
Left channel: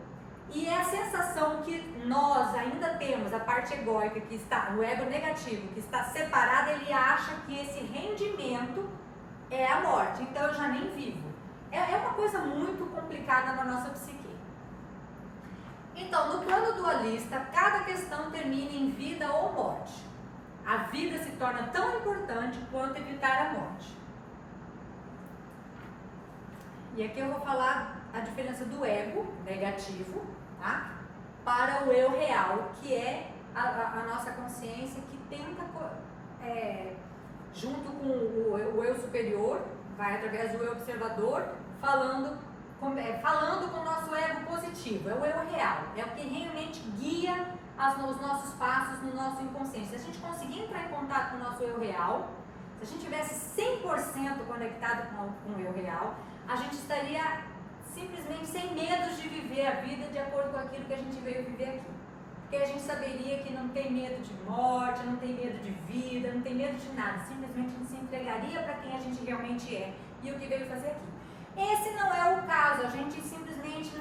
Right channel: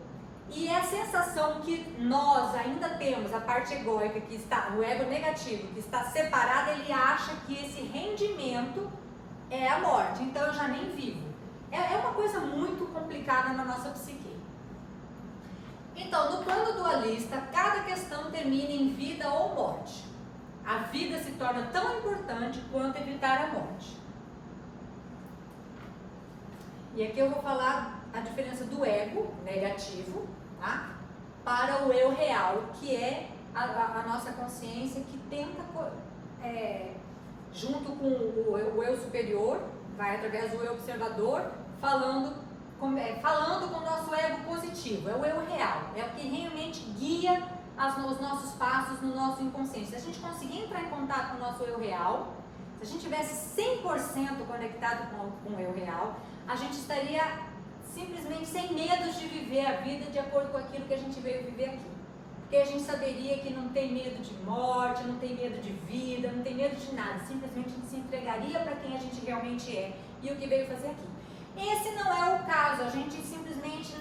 E é a sensação que nós ainda temos, a parte egóica, que está, o ego negativo, que está separado, ele acha que esse rendimento é a morte. Então eu já nem vivo. É uma coisa muito complicada na nossa psique. Então, no plano dualista, cada questão termina em vida ou morte. A vida se torna tão importante quanto evitar a morte. E aqui eu vou falar a diferença do ego negativo, tá? Para o eu real, que é a nossa consciência que tenta, junto com o eu superior, vai através do eu observador, falando com o nosso ego positivo, é o eu real, é o que realmente guia os nossos passos no nosso inconsciente. Se a gente conseguir entrar em contato com o nosso eu real, se a gente tivesse 100% conectado com o eu real, a gente estaria simplesmente sem medo de viver a vida de acordo com aquilo que a gente veio viver aqui. Porque a gente saberia que não tem medo de morte, não tem medo de vida, não tem medo de nada. Simplesmente a gente se entregaria para quem a gente realmente é e o que veio fazer aqui. Esse não é o caso, a gente simplesmente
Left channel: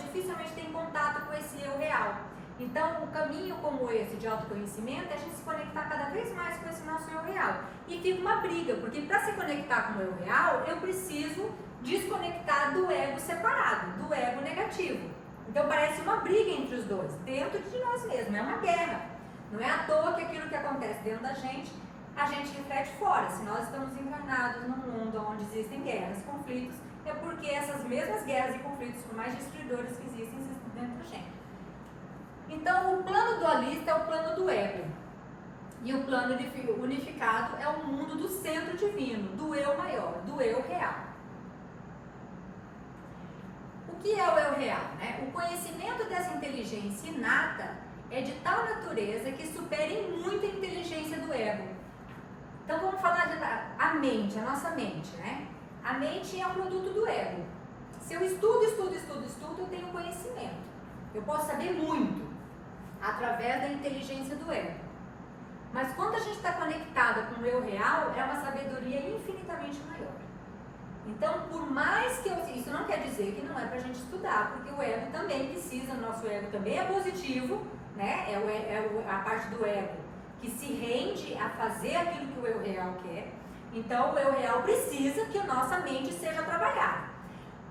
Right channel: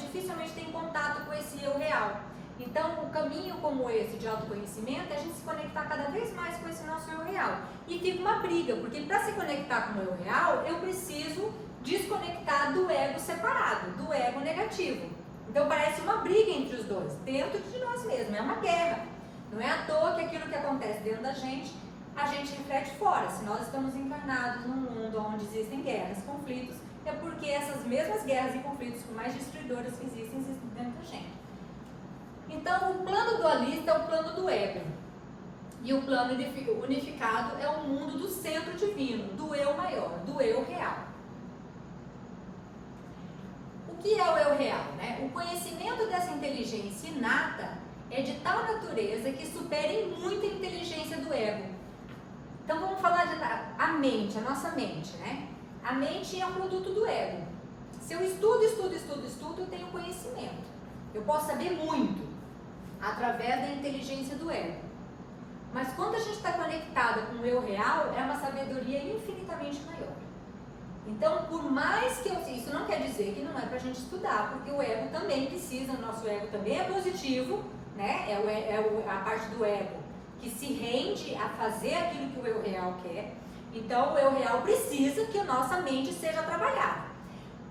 dificilmente tem contato com esse eu real. Então, o caminho como esse de autoconhecimento é a gente se conectar cada vez mais com esse nosso eu real. E fica uma briga, porque para se conectar com o eu real, eu preciso desconectar do ego separado, do ego negativo. Então parece uma briga entre os dois, dentro de nós mesmos, é uma guerra. Não é à toa que aquilo que acontece dentro da gente, a gente reflete fora. Se nós estamos encarnados num mundo onde existem guerras, conflitos, é porque essas mesmas guerras e conflitos, por mais destruidores que existem dentro da gente. Então, o plano dualista é o plano do ego. E o plano unificado é o mundo do centro divino, do eu maior, do eu real. O que é o eu real, né? O conhecimento dessa inteligência inata é de tal natureza que supera em muito a inteligência do ego. Então vamos falar a mente, a nossa mente, né? A mente é o produto do ego. Se eu estudo, eu tenho conhecimento. Eu posso saber muito através da inteligência do ego. Mas quando a gente está conectada com o eu real, é uma sabedoria infinitamente maior. Então, por mais que isso não quer dizer que não é para a gente estudar, porque o ego também precisa, o nosso ego também é positivo, né? A parte do ego que se rende a fazer aquilo que o eu real quer. Então, o eu real precisa que a nossa mente seja trabalhada.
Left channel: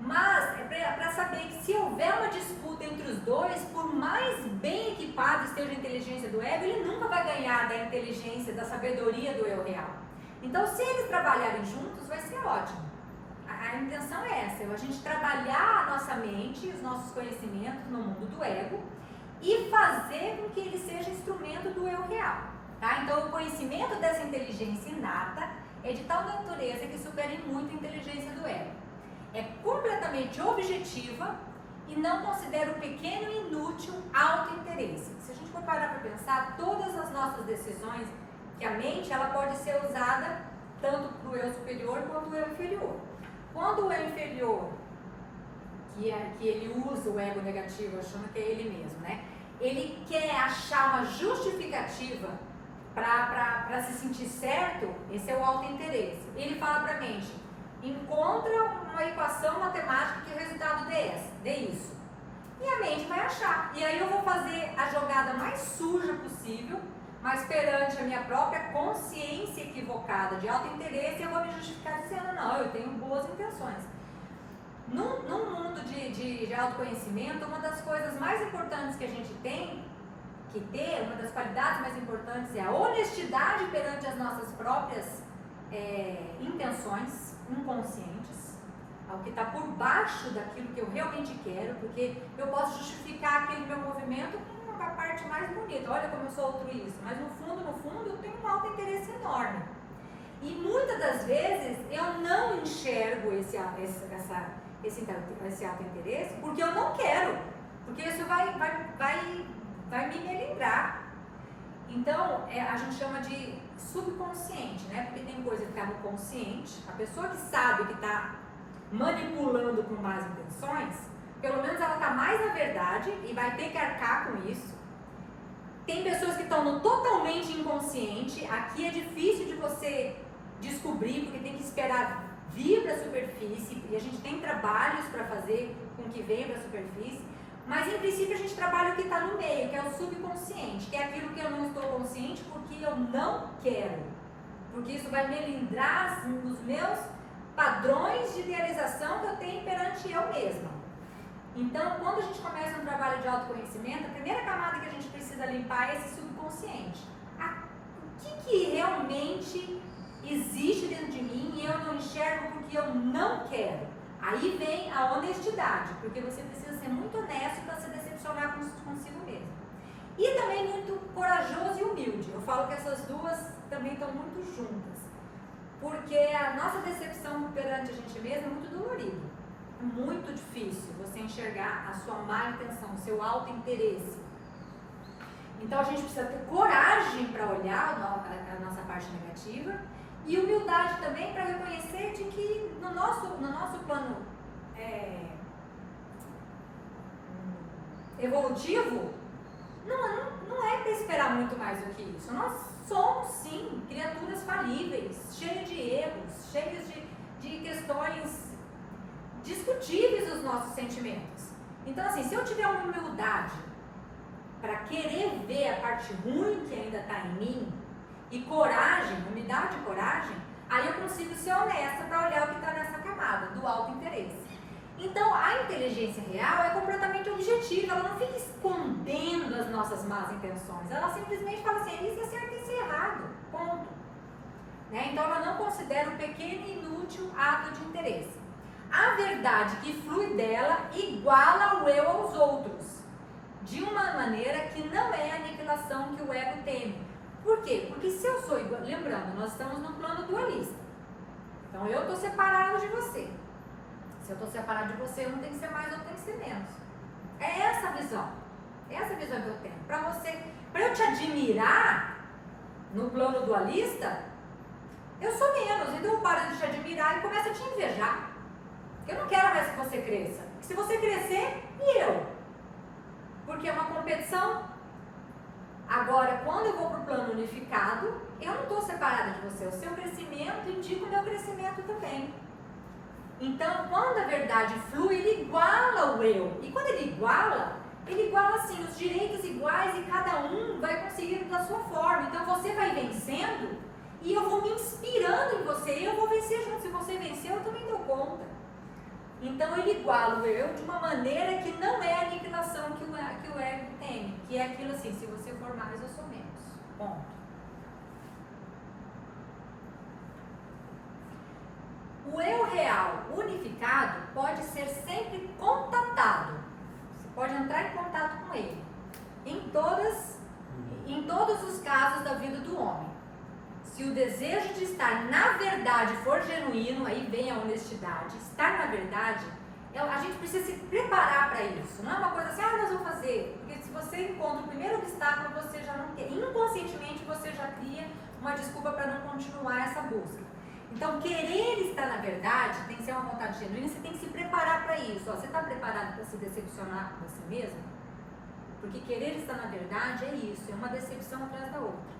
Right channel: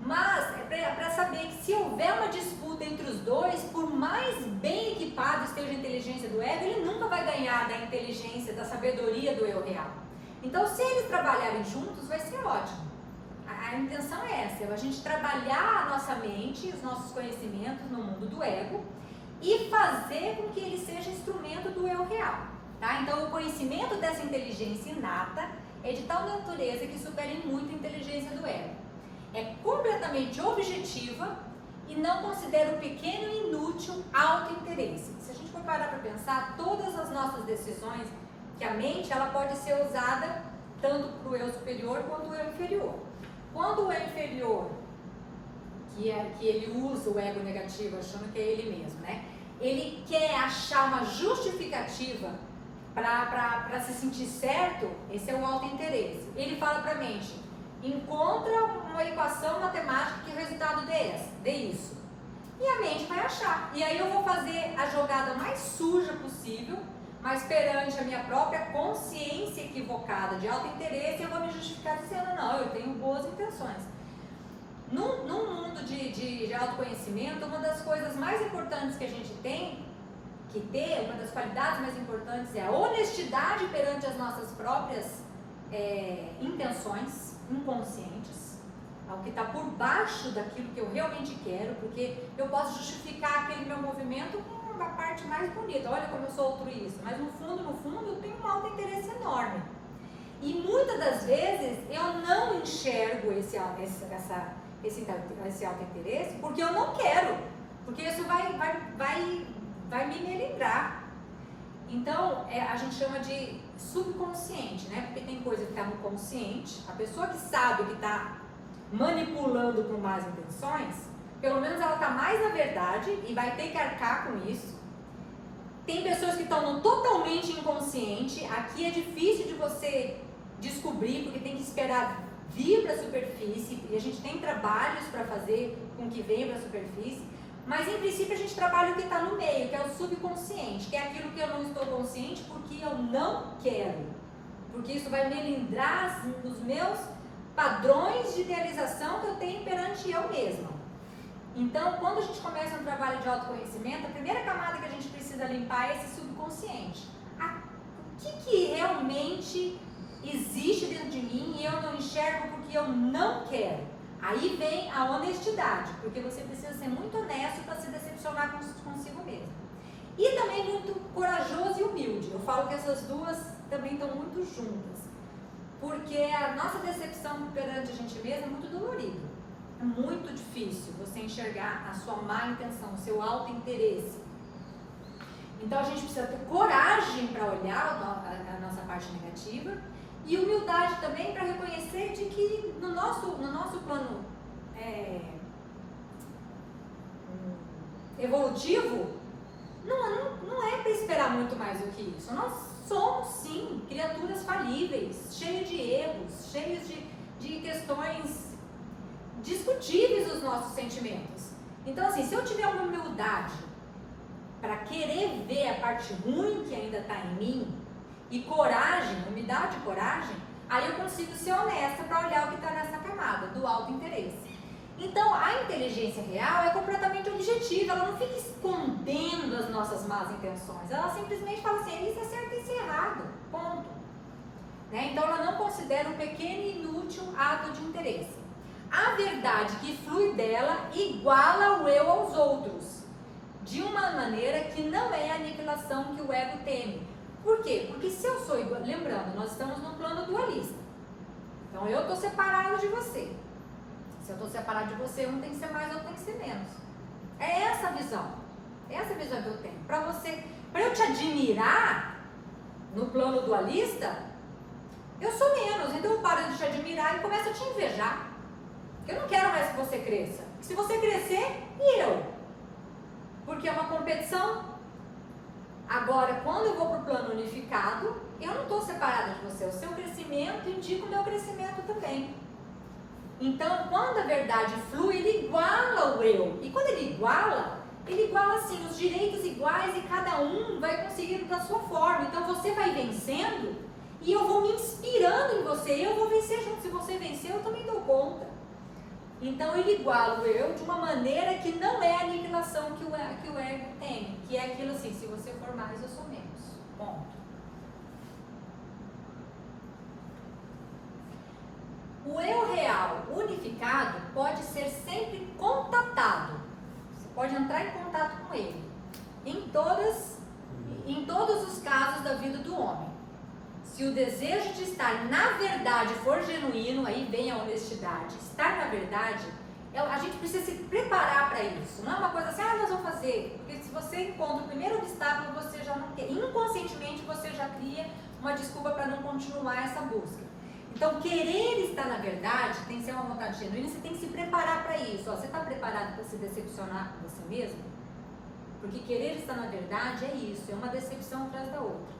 Mas é para saber que se houver uma disputa entre os dois, por mais bem equipado esteja a inteligência do ego, ele nunca vai ganhar da inteligência, da sabedoria do eu real. Então, se eles trabalharem juntos, vai ser ótimo. A intenção é essa, é a gente trabalhar a nossa mente, os nossos conhecimentos no mundo do ego e fazer com que ele seja instrumento do eu real. Tá? Então, o conhecimento dessa inteligência inata é de tal natureza que supera em muito a inteligência do ego. É completamente objetiva e não considera o pequeno e inútil auto-interesse. Se a gente for parar para pensar, todas as nossas decisões, que a mente ela pode ser usada tanto para o eu superior quanto o eu inferior. Quando o eu inferior, que ele usa o ego negativo, achando que é ele mesmo, né? Ele quer achar uma justificativa para se sentir certo, esse é o auto-interesse. Ele fala para a mente, encontra uma equação matemática que o resultado dê isso. E a mente vai achar. E aí eu vou fazer a jogada mais suja possível, mas perante a minha própria consciência equivocada de auto-interesse, eu vou me justificar dizendo, não, eu tenho boas intenções. Num mundo de autoconhecimento, uma das coisas mais importantes que a gente tem que ter, uma das qualidades mais importantes é a honestidade perante as nossas próprias intenções inconscientes, ao que está por baixo daquilo que eu realmente quero, porque eu posso justificar aquele meu movimento com uma parte mais bonita, olha como eu sou altruísta, mas no fundo eu tenho um auto-interesse enorme. E muitas das vezes eu não enxergo esse auto-interesse porque eu não quero, porque isso vai me melindrar. Então, a gente chama de subconsciente, né? Porque tem coisa que está no consciente, a pessoa que sabe que está manipulando com más intenções, pelo menos ela está mais na verdade e vai ter que arcar com isso. Tem pessoas que estão no totalmente inconsciente, aqui é difícil de você descobrir, porque tem que esperar vir para a superfície, e a gente tem trabalhos para fazer com que venha para a superfície, mas em princípio a gente trabalha o que está no meio, que é o subconsciente, que é aquilo que eu não estou consciente porque eu não quero, porque isso vai melindrar os meus padrões de idealização que eu tenho perante eu mesma. Então, quando a gente começa um trabalho de autoconhecimento, a primeira camada que a gente precisa limpar é esse subconsciente. O que realmente existe dentro de mim e eu não enxergo porque eu não quero? Aí vem a honestidade, porque você precisa ser muito honesto para se decepcionar consigo mesmo. E também muito corajoso e humilde. Eu falo que essas duas também estão muito juntas, porque a nossa decepção perante a gente mesmo é muito dolorido. É muito difícil você enxergar a sua má intenção, o seu auto-interesse. Então a gente precisa ter coragem para olhar a nossa parte negativa e humildade também para reconhecer de que no nosso plano evolutivo não é para esperar muito mais do que isso. Nós somos sim criaturas falíveis, cheias de erros, cheias de questões discutíveis os nossos sentimentos. Então assim, se eu tiver uma humildade para querer ver a parte ruim que ainda está em mim e coragem, humildade e coragem, aí eu consigo ser honesta para olhar o que está nessa camada do auto-interesse. Então a inteligência real é completamente objetiva, ela não fica escondendo as nossas más intenções, ela simplesmente fala assim, isso é certo e isso é errado, ponto. Né? Então ela não considera o pequeno e inútil ato de interesse. A verdade que flui dela iguala o eu aos outros. de uma maneira que não é a aniquilação que o ego teme. Por quê? Porque se eu sou igual, lembrando, nós estamos no plano dualista. Então eu estou separado de você. Se eu estou separado de você, um tem que ser mais, outro tem que ser menos. É essa a visão. É essa a visão que eu tenho. Para eu te admirar no plano dualista, eu sou menos. Então eu paro de te admirar e começo a te invejar. Eu não quero mais que você cresça. Se você crescer, e eu? Porque é uma competição. Agora, quando eu vou para o plano unificado, eu não estou separada de você. O seu crescimento indica o meu crescimento também. Então, quando a verdade flui, ele iguala o eu. E quando ele iguala assim, os direitos iguais e cada um vai conseguindo da sua forma. Então, você vai vencendo e eu vou me inspirando em você. Eu vou vencer junto. Se você vencer, eu também dou conta. Então ele iguala o eu de uma maneira que não é a aniquilação que o ego tem, que é aquilo assim, se você for mais, eu sou menos. Ponto. O eu real unificado pode ser sempre contatado. Você pode entrar em contato com ele. Em todos os casos da vida do homem. Se o desejo de estar na verdade for genuíno, aí vem a honestidade. Estar na verdade, a gente precisa se preparar para isso. Não é uma coisa assim, nós vamos fazer. Porque se você encontra o primeiro obstáculo, você já não quer. Inconscientemente, você já cria uma desculpa para não continuar essa busca. Então, querer estar na verdade tem que ser uma vontade genuína, você tem que se preparar para isso. Você está preparado para se decepcionar com você mesmo? Porque querer estar na verdade é isso, é uma decepção atrás da outra.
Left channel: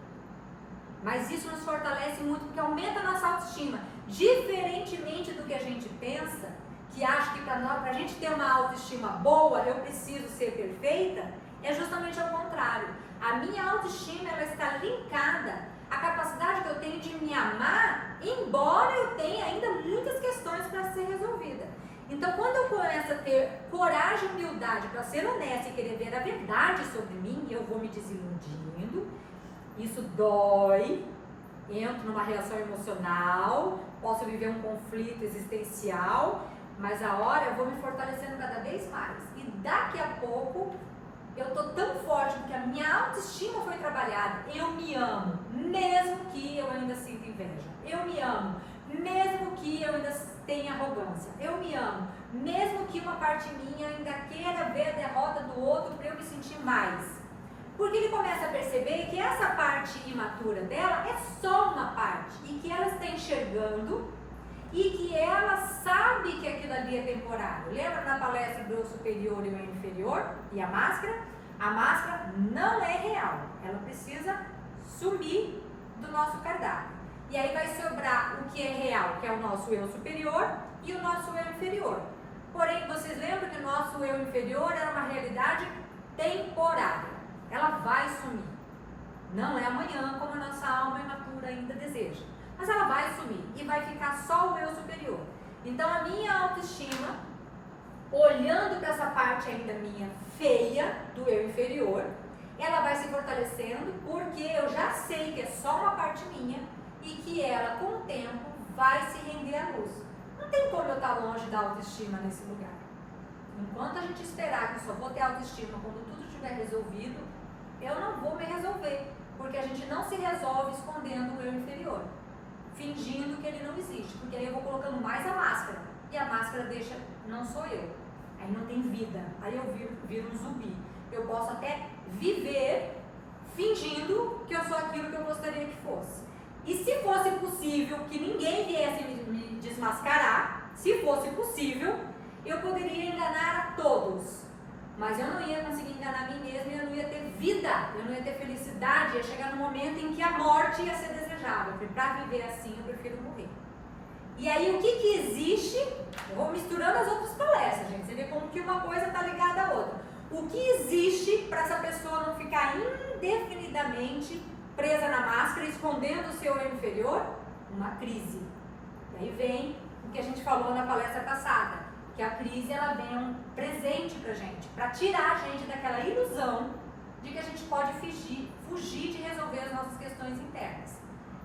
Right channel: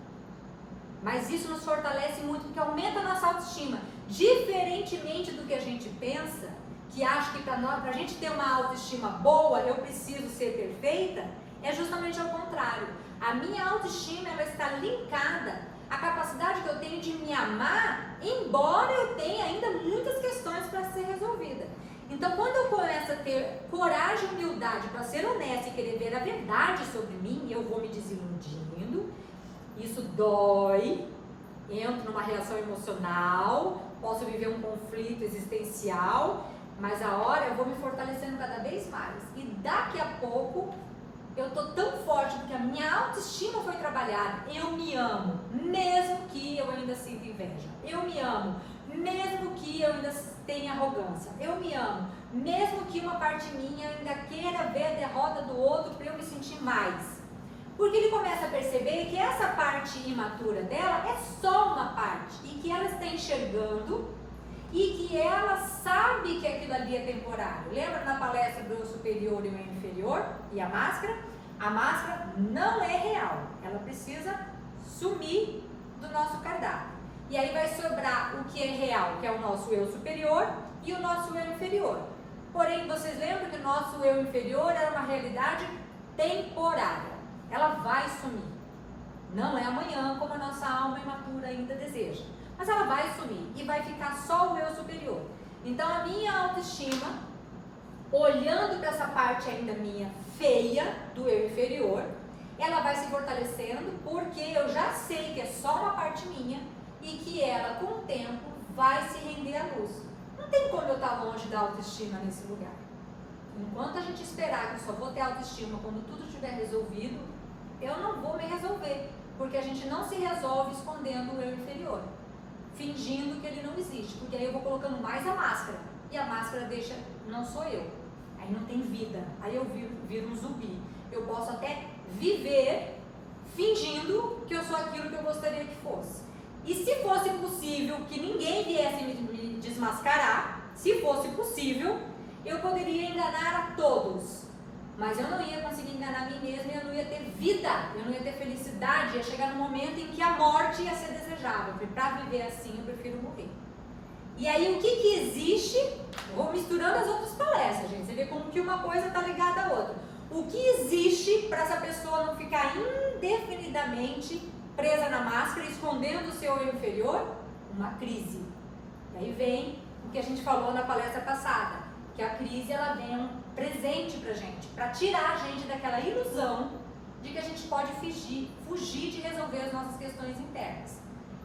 Mas isso nos fortalece muito, porque aumenta a nossa autoestima. Diferentemente do que a gente pensa, que acha que para a gente ter uma autoestima boa, eu preciso ser perfeita, é justamente ao contrário. A minha autoestima, ela está linkada à capacidade que eu tenho de me amar, embora eu tenha ainda muitas questões para ser resolvida. Então, quando eu começo a ter coragem e humildade para ser honesta e querer ver a verdade sobre mim, eu vou me desiludindo. Isso dói, entro numa reação emocional, posso viver um conflito existencial, mas a hora eu vou me fortalecendo cada vez mais. E daqui a pouco eu tô tão forte porque a minha autoestima foi trabalhada. Eu me amo, mesmo que eu ainda sinta inveja. Eu me amo, mesmo que eu ainda tenha arrogância. Eu me amo, mesmo que uma parte minha ainda queira ver a derrota do outro para eu me sentir mais. Porque ele começa a perceber que essa parte imatura dela é só uma parte e que ela está enxergando e que ela sabe que aquilo ali é temporário. Lembra na palestra do eu superior e o eu inferior e a máscara? A máscara não é real, ela precisa sumir do nosso cardápio. E aí vai sobrar o que é real, que é o nosso eu superior e o nosso eu inferior. Porém, vocês lembram que o nosso eu inferior era uma realidade temporária. Ela vai sumir. Não é amanhã, como a nossa alma imatura ainda deseja. Mas ela vai sumir e vai ficar só o eu superior. Então a minha autoestima, olhando para essa parte ainda minha feia do eu inferior, ela vai se fortalecendo porque eu já sei que é só uma parte minha e que ela, com o tempo, vai se render à luz. Não tem como eu estar longe da autoestima nesse lugar. Enquanto a gente esperar que eu só vou ter autoestima quando tudo estiver resolvido, eu não vou me resolver, porque a gente não se resolve escondendo o eu inferior, fingindo que ele não existe, porque aí eu vou colocando mais a máscara, e a máscara deixa, não sou eu, aí não tem vida, aí eu viro um zumbi. Eu posso até viver fingindo que eu sou aquilo que eu gostaria que fosse. E se fosse possível que ninguém viesse me desmascarar, se fosse possível, eu poderia enganar a todos, mas eu não ia conseguir enganar a mim mesma, eu não ia ter vida, eu não ia ter felicidade, ia chegar no momento em que a morte ia ser desejável. Para viver assim, eu prefiro morrer. E aí, o que existe? Eu vou misturando as outras palestras, gente, você vê como que uma coisa está ligada à outra. O que existe para essa pessoa não ficar indefinidamente presa na máscara, escondendo o seu eu inferior? Uma crise. E aí vem o que a gente falou na palestra passada, que a crise, ela vem um presente pra gente, para tirar a gente daquela ilusão de que a gente pode fugir de resolver as nossas questões internas.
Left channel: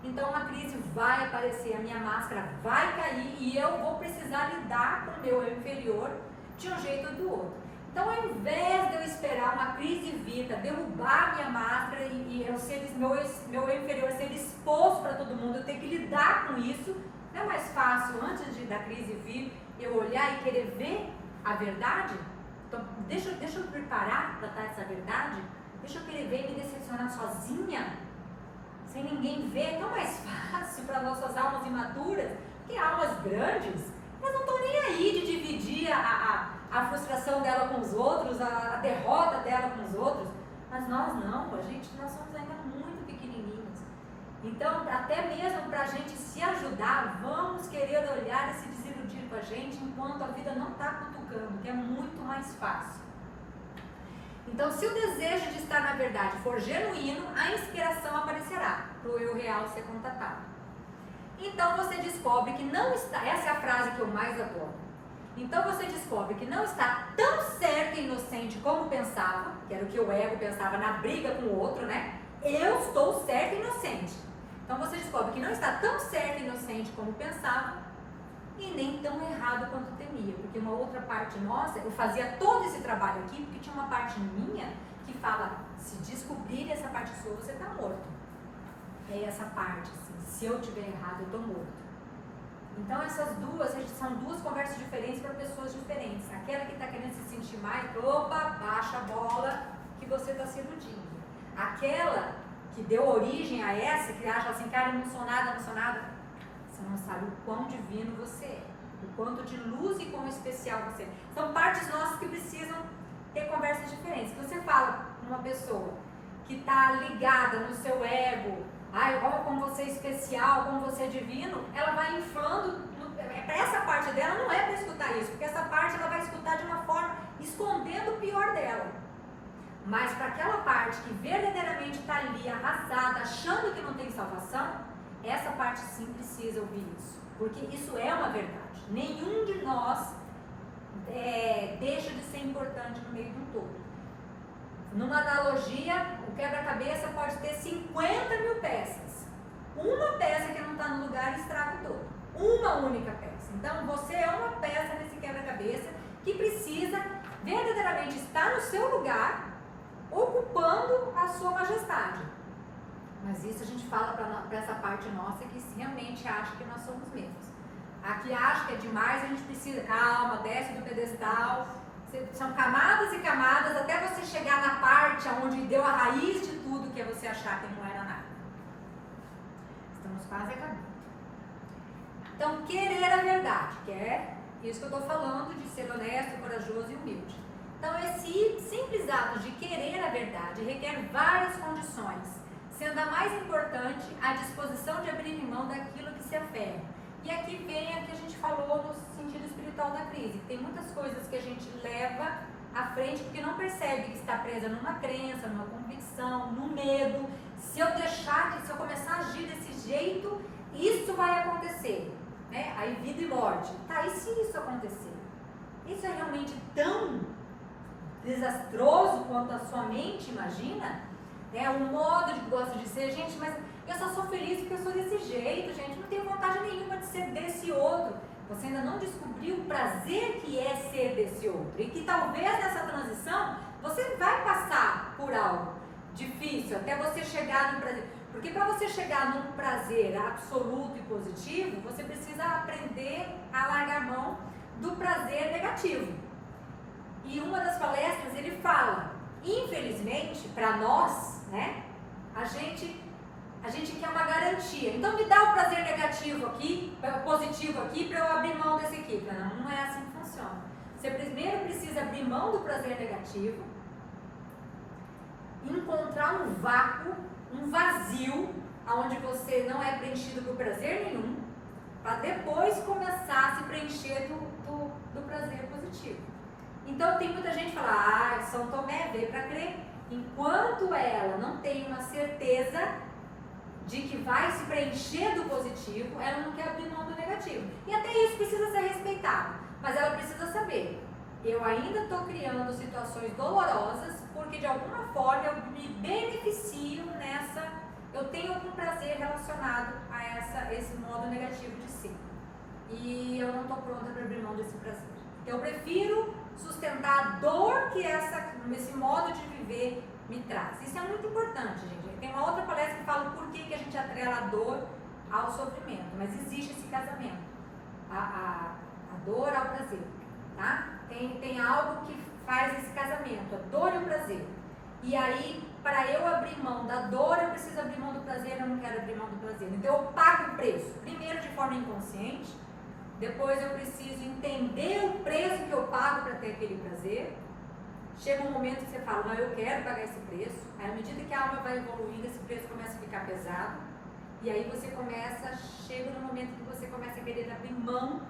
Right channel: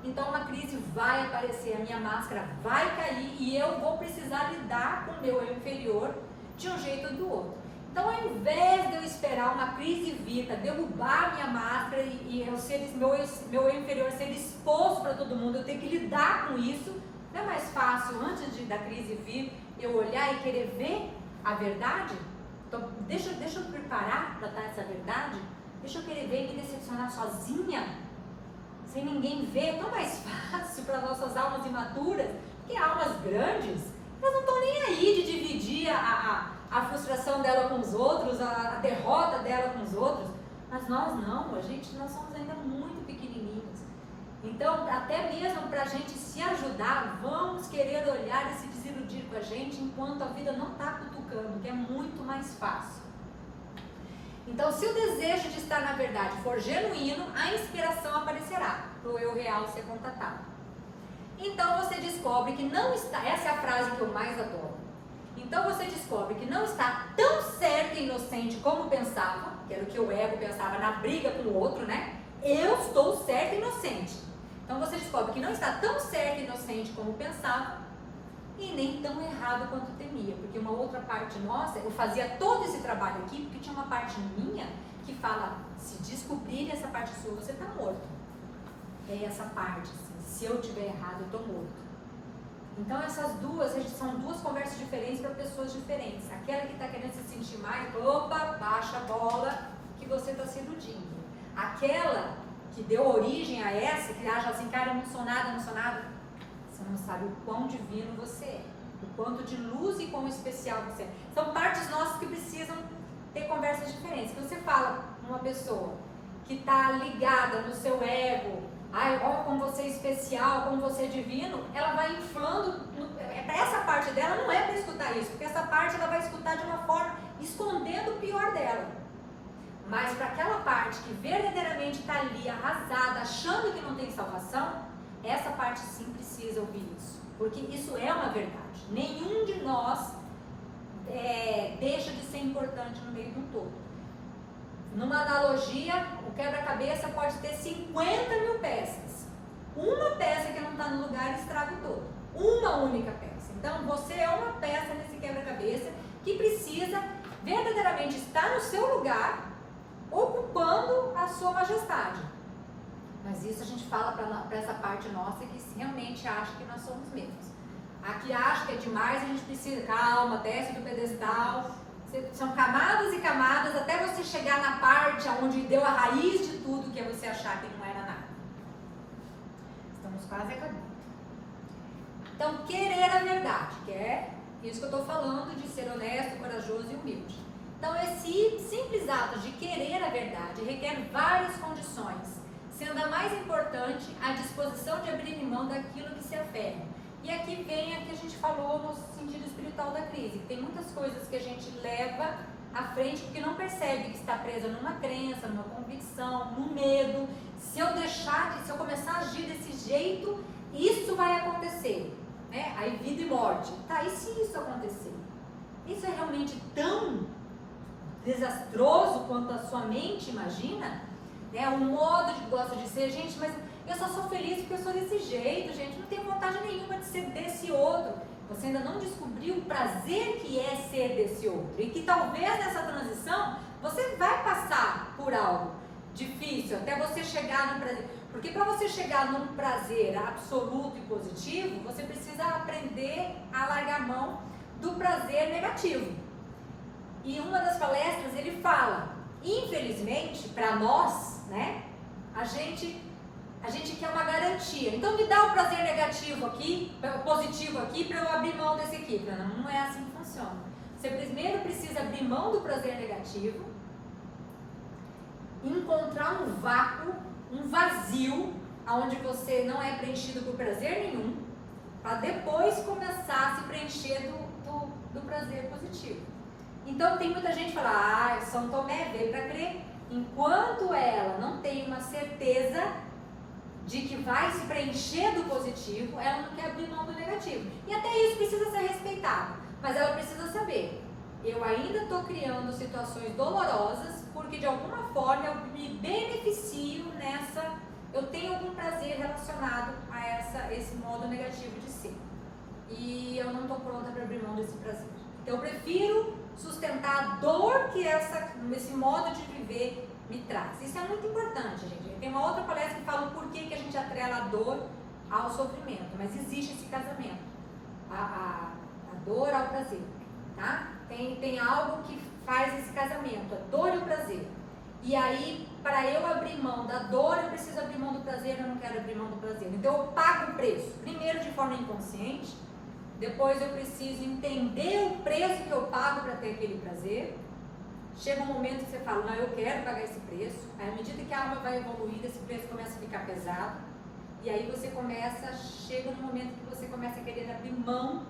Então uma crise vai aparecer, a minha máscara vai cair e eu vou precisar lidar com o meu eu inferior de um jeito ou do outro. Então, ao invés de eu esperar uma crise vir para derrubar minha máscara e meu eu inferior ser exposto para todo mundo, eu ter que lidar com isso, não é mais fácil, antes da crise vir, eu olhar e querer ver a verdade? Então, deixa eu preparar para dar essa verdade? Deixa eu querer ver e me decepcionar sozinha? Sem ninguém ver? É tão mais fácil para nossas almas imaturas, porque almas grandes, elas não estão nem aí de dividir a frustração dela com os outros, a derrota dela com os outros, mas nós não, nós somos ainda muito pequenininhos. Então, até mesmo para a gente se ajudar, vamos querer olhar e se desiludir com a gente enquanto a vida não está cutucando, que é muito mais fácil. Então, se o desejo de estar na verdade for genuíno, a inspiração aparecerá para o eu real ser contatado. Então, você descobre que não está, essa é a frase que eu mais adoro. Então, você descobre que não está tão certo e inocente como pensava, que era o que o ego pensava na briga com o outro, né? Eu estou certo e inocente. Então, você descobre que não está tão certo e inocente como pensava e nem tão errado quanto temia, porque uma outra parte nossa, eu fazia todo esse trabalho aqui, porque tinha uma parte minha que fala, se descobrir essa parte sua, você está morto. É essa parte, assim, se eu tiver errado, eu estou morto. Então essas duas, são duas conversas diferentes para pessoas diferentes. Aquela que está querendo se sentir mais, opa, baixa a bola, que você está se iludindo. Aquela que deu origem a essa, que acha assim, cara, eu não sou nada, você não sabe o quão divino você é, o quanto de luz e quão especial você é. São partes nossas que precisam ter conversas diferentes. Que você fala com uma pessoa que está ligada no seu ego, ai, olha como você é especial, como você é divino, ela vai inflando, para essa parte dela não é para escutar isso, porque essa parte ela vai escutar de uma forma escondendo o pior dela. Mas para aquela parte que verdadeiramente está ali arrasada, achando que não tem salvação, essa parte sim precisa ouvir isso, porque isso é uma verdade. Nenhum de nós deixa de ser importante no meio de um todo. Numa analogia, o quebra-cabeça pode ter 50 mil peças. Uma peça que não está no lugar estraga o todo. Uma única peça. Então, você é uma peça nesse quebra-cabeça que precisa verdadeiramente estar no seu lugar, ocupando a sua majestade. Mas isso a gente fala para essa parte nossa que realmente acha que nós somos mesmos. A que acha que é demais, a gente precisa, calma, desce do pedestal. São camadas e camadas até você chegar na parte onde deu a raiz de tudo, que é você achar que não era nada. Estamos quase acabando. Então, querer a verdade, que é isso que eu estou falando de ser honesto, corajoso e humilde. Então, esse simples ato de querer a verdade requer várias condições, sendo a mais importante a disposição de abrir mão daquilo que se aferra. E aqui vem a que a gente falou no sentido espiritual da crise, que tem muitas coisas que a gente leva à frente porque não percebe que está presa numa crença, numa convicção, no medo. Se eu começar a agir desse jeito, isso vai acontecer, né? Aí vida e morte. Tá, e se isso acontecer? Isso é realmente tão desastroso quanto a sua mente imagina? Né? O modo que gosta de ser, gente, mas eu só sou feliz porque eu sou desse jeito, gente, não tenho vontade nenhuma de ser desse outro. Você ainda não descobriu o prazer que é ser desse outro. E que talvez nessa transição você vai passar por algo difícil até você chegar no prazer. Porque para você chegar num prazer absoluto e positivo, você precisa aprender a largar mão do prazer negativo. E uma das palestras ele fala, infelizmente, para nós, né, a gente quer uma garantia. Então me dá o prazer negativo aqui, positivo aqui, para eu abrir mão desse aqui. Não é assim que funciona. Você primeiro precisa abrir mão do prazer negativo, encontrar um vácuo, um vazio, onde você não é preenchido por prazer nenhum, para depois começar a se preencher do prazer positivo. Então tem muita gente que fala, São Tomé veio para crer, enquanto ela não tem uma certeza de que vai se preencher do positivo, ela não quer abrir mão do negativo. E até isso precisa ser respeitado, mas ela precisa saber, eu ainda estou criando situações dolorosas, porque de alguma forma eu me beneficio eu tenho algum prazer relacionado a esse modo negativo de ser. E eu não estou pronta para abrir mão desse prazer. Então eu prefiro sustentar a dor que esse modo de viver me traz. Isso é muito importante, gente. Tem uma outra palestra que fala o porquê que a gente atrela a dor ao sofrimento, mas existe esse casamento, a dor ao prazer, tá? Tem algo que faz esse casamento, a dor e o prazer. E aí, para eu abrir mão da dor, eu preciso abrir mão do prazer, eu não quero abrir mão do prazer. Então eu pago o preço, primeiro de forma inconsciente, depois eu preciso entender o preço que eu pago para ter aquele prazer. Chega um momento que você fala, não, eu quero pagar esse preço. Aí, à medida que a alma vai evoluindo, esse preço começa a ficar pesado. E aí chega no momento que você começa a querer abrir mão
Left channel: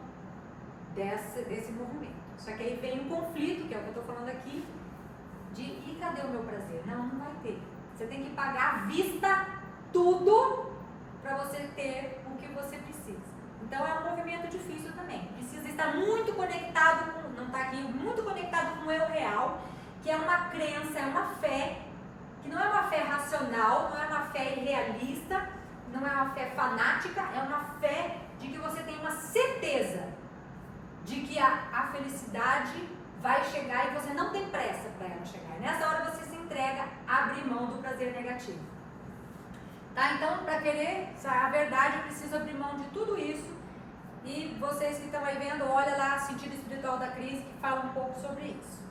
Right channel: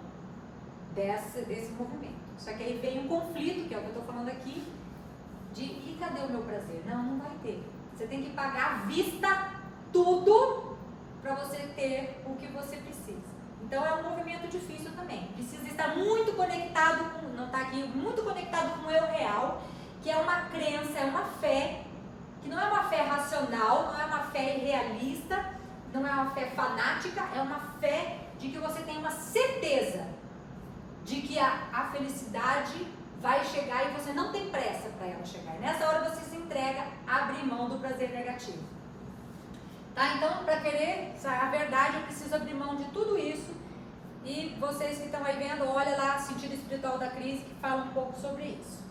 desse movimento. Só que aí vem um conflito, que é o que eu estou falando aqui, e cadê o meu prazer? Não vai ter. Você tem que pagar à vista tudo para você ter o que você precisa. Então é um movimento difícil também. Precisa estar muito conectado, não está aqui, muito conectado com o eu real, que é uma crença, é uma fé, que não é uma fé racional, não é uma fé irrealista, não é uma fé fanática, é uma fé de que você tem uma certeza de que a felicidade vai chegar e você não tem pressa para ela chegar. E nessa hora você se entrega a abrir mão do prazer negativo. Tá? Então, para querer a verdade, eu preciso abrir mão de tudo isso. E vocês que estão aí vendo, olha lá, Sentido Espiritual da Crise, que fala um pouco sobre isso.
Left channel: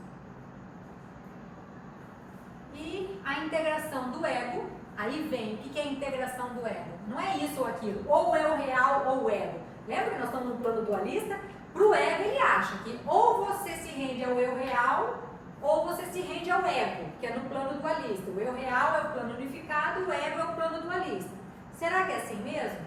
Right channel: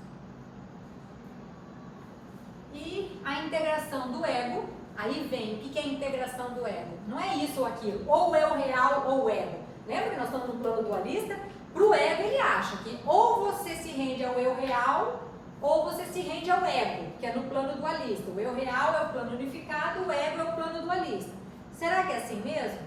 E a integração do ego, aí vem, o que é a integração do ego? Não é isso ou aquilo, ou o eu real ou o ego. Lembra que nós estamos no plano dualista? Para o ego, ele acha que ou você se rende ao eu real, ou você se rende ao ego, que é no plano dualista. O eu real é o plano unificado, o ego é o plano dualista. Será que é assim mesmo?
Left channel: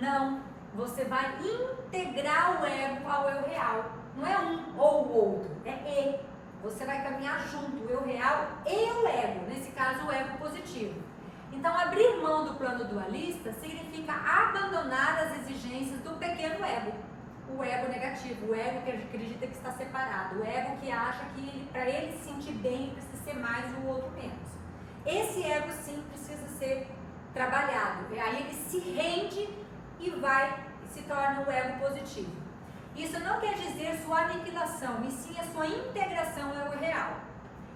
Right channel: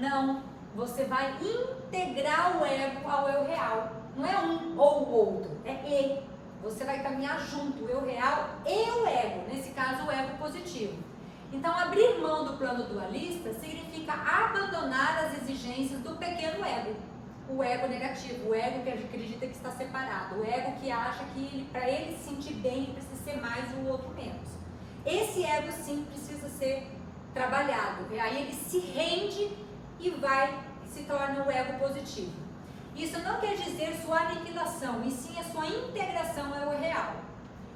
Não. Você vai integrar o ego ao eu real. Não é um ou o outro, é e. Você vai caminhar junto, o eu real e o ego, nesse caso o ego positivo. Então, abrir mão do plano dualista significa abandonar as exigências do pequeno ego. O ego negativo, o ego que acredita que está separado, o ego que acha que para ele se sentir bem ele precisa ser mais e o outro menos. Esse ego sim precisa ser trabalhado, e aí ele se rende e se torna o ego positivo. Isso não quer dizer sua aniquilação, e sim a sua integração ao real.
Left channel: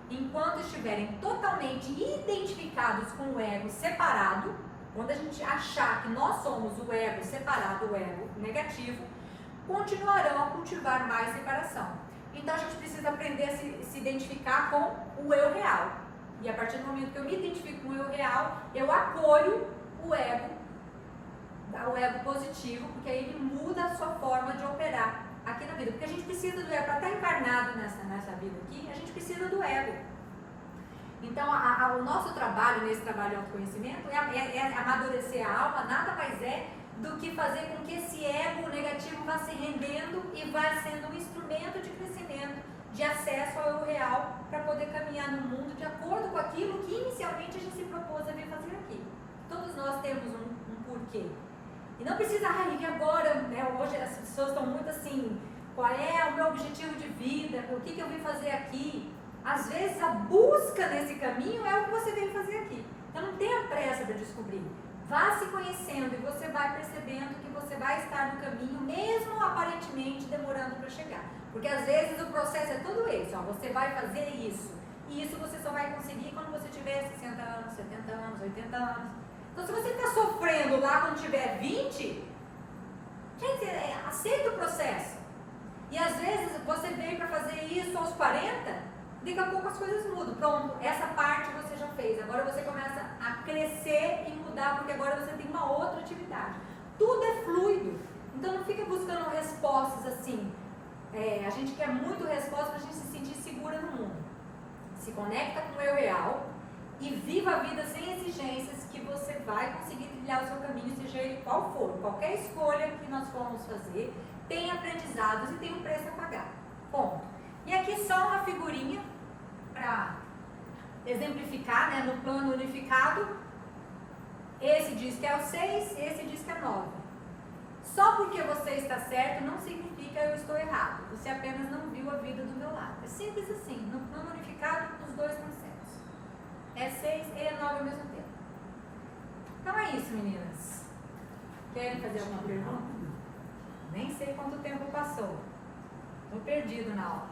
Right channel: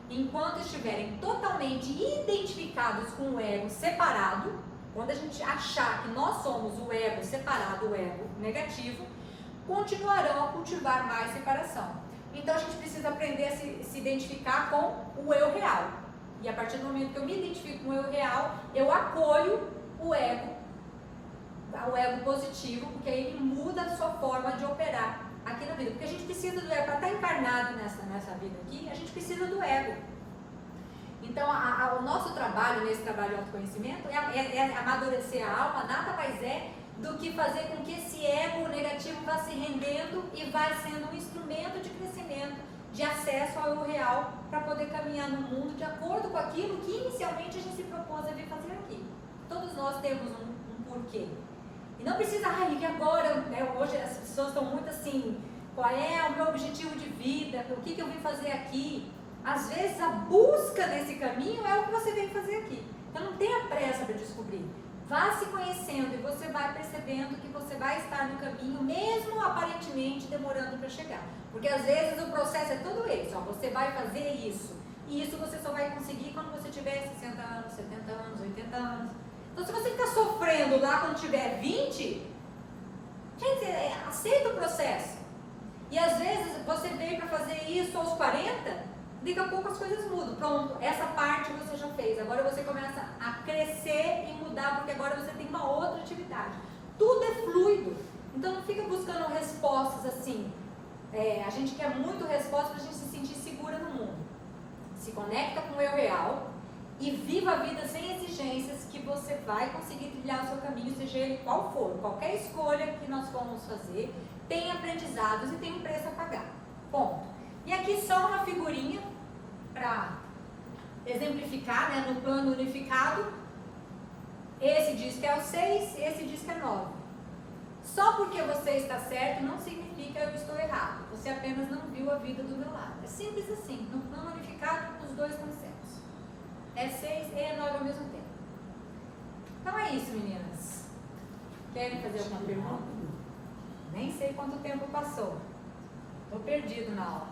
Enquanto estiverem totalmente identificados com o ego separado, quando a gente achar que nós somos o ego separado, o ego negativo, continuarão a cultivar mais separação. Então a gente precisa aprender a se identificar com o eu real. E a partir do momento que eu me identifico com o eu real, eu acolho o ego positivo, porque aí ele muda a sua forma de operar aqui na vida. Porque a gente precisa do ego, para estar encarnado nessa vida aqui, a gente precisa do ego. Então o nosso trabalho, nesse trabalho de autoconhecimento, é amadurecer a alma, nada mais é do que fazer com que esse ego negativo vá se rendendo e vá sendo um instrumento de crescimento, de acesso ao eu real, para poder caminhar no mundo de acordo com aquilo que inicialmente a gente se propôs a vir fazer aqui. Todos nós temos um porquê. E não precisa, e agora, né, hoje as pessoas estão muito assim, qual é o meu objetivo de vida, o que eu vim fazer aqui? Às vezes a busca nesse caminho é o que você vem fazer aqui. Então não tenha pressa para descobrir. Vá se conhecendo e você vai percebendo que você vai estar no caminho, mesmo aparentemente demorando para chegar. Porque às vezes o processo é todo esse, você vai fazer isso. E isso você só vai conseguir quando você tiver 60 anos, 70 anos, 80 anos. Então se você está sofrendo lá quando tiver 20, gente, aceita o processo. E às vezes você veio para fazer isso aos 40, daqui a pouco as coisas mudam. Pronto, essa parte você já fez. Agora você começa a crescer e mudar, porque agora você tem uma outra atividade. Tudo é fluido. Então não fica buscando respostas assim. A gente quer muito respostas para a gente se sentir segura no mundo. Se conecta com o eu real e viva a vida sem exigências, que você vai conseguir trilhar o seu caminho, seja ele qual for. Qualquer escolha que nós formos fazer tem aprendizados e tem um preço a pagar. Ponto. E aqui só uma figurinha para exemplificar, né, no plano unificado. Esse diz que é o 6, esse diz que é 9. Só porque você está certo não significa eu estou errado. Você apenas não viu a vida do meu lado. É simples assim. No plano unificado, os dois estão certos. É 6 e é 9 ao mesmo tempo. Então é isso, meninas. Querem fazer alguma pergunta? Nem sei quanto tempo passou. Estou perdido na aula.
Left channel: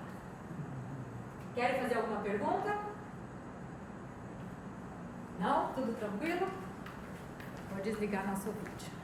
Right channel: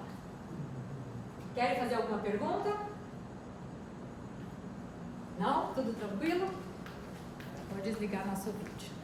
Querem fazer alguma pergunta? Não? Tudo tranquilo? Vou desligar nosso vídeo.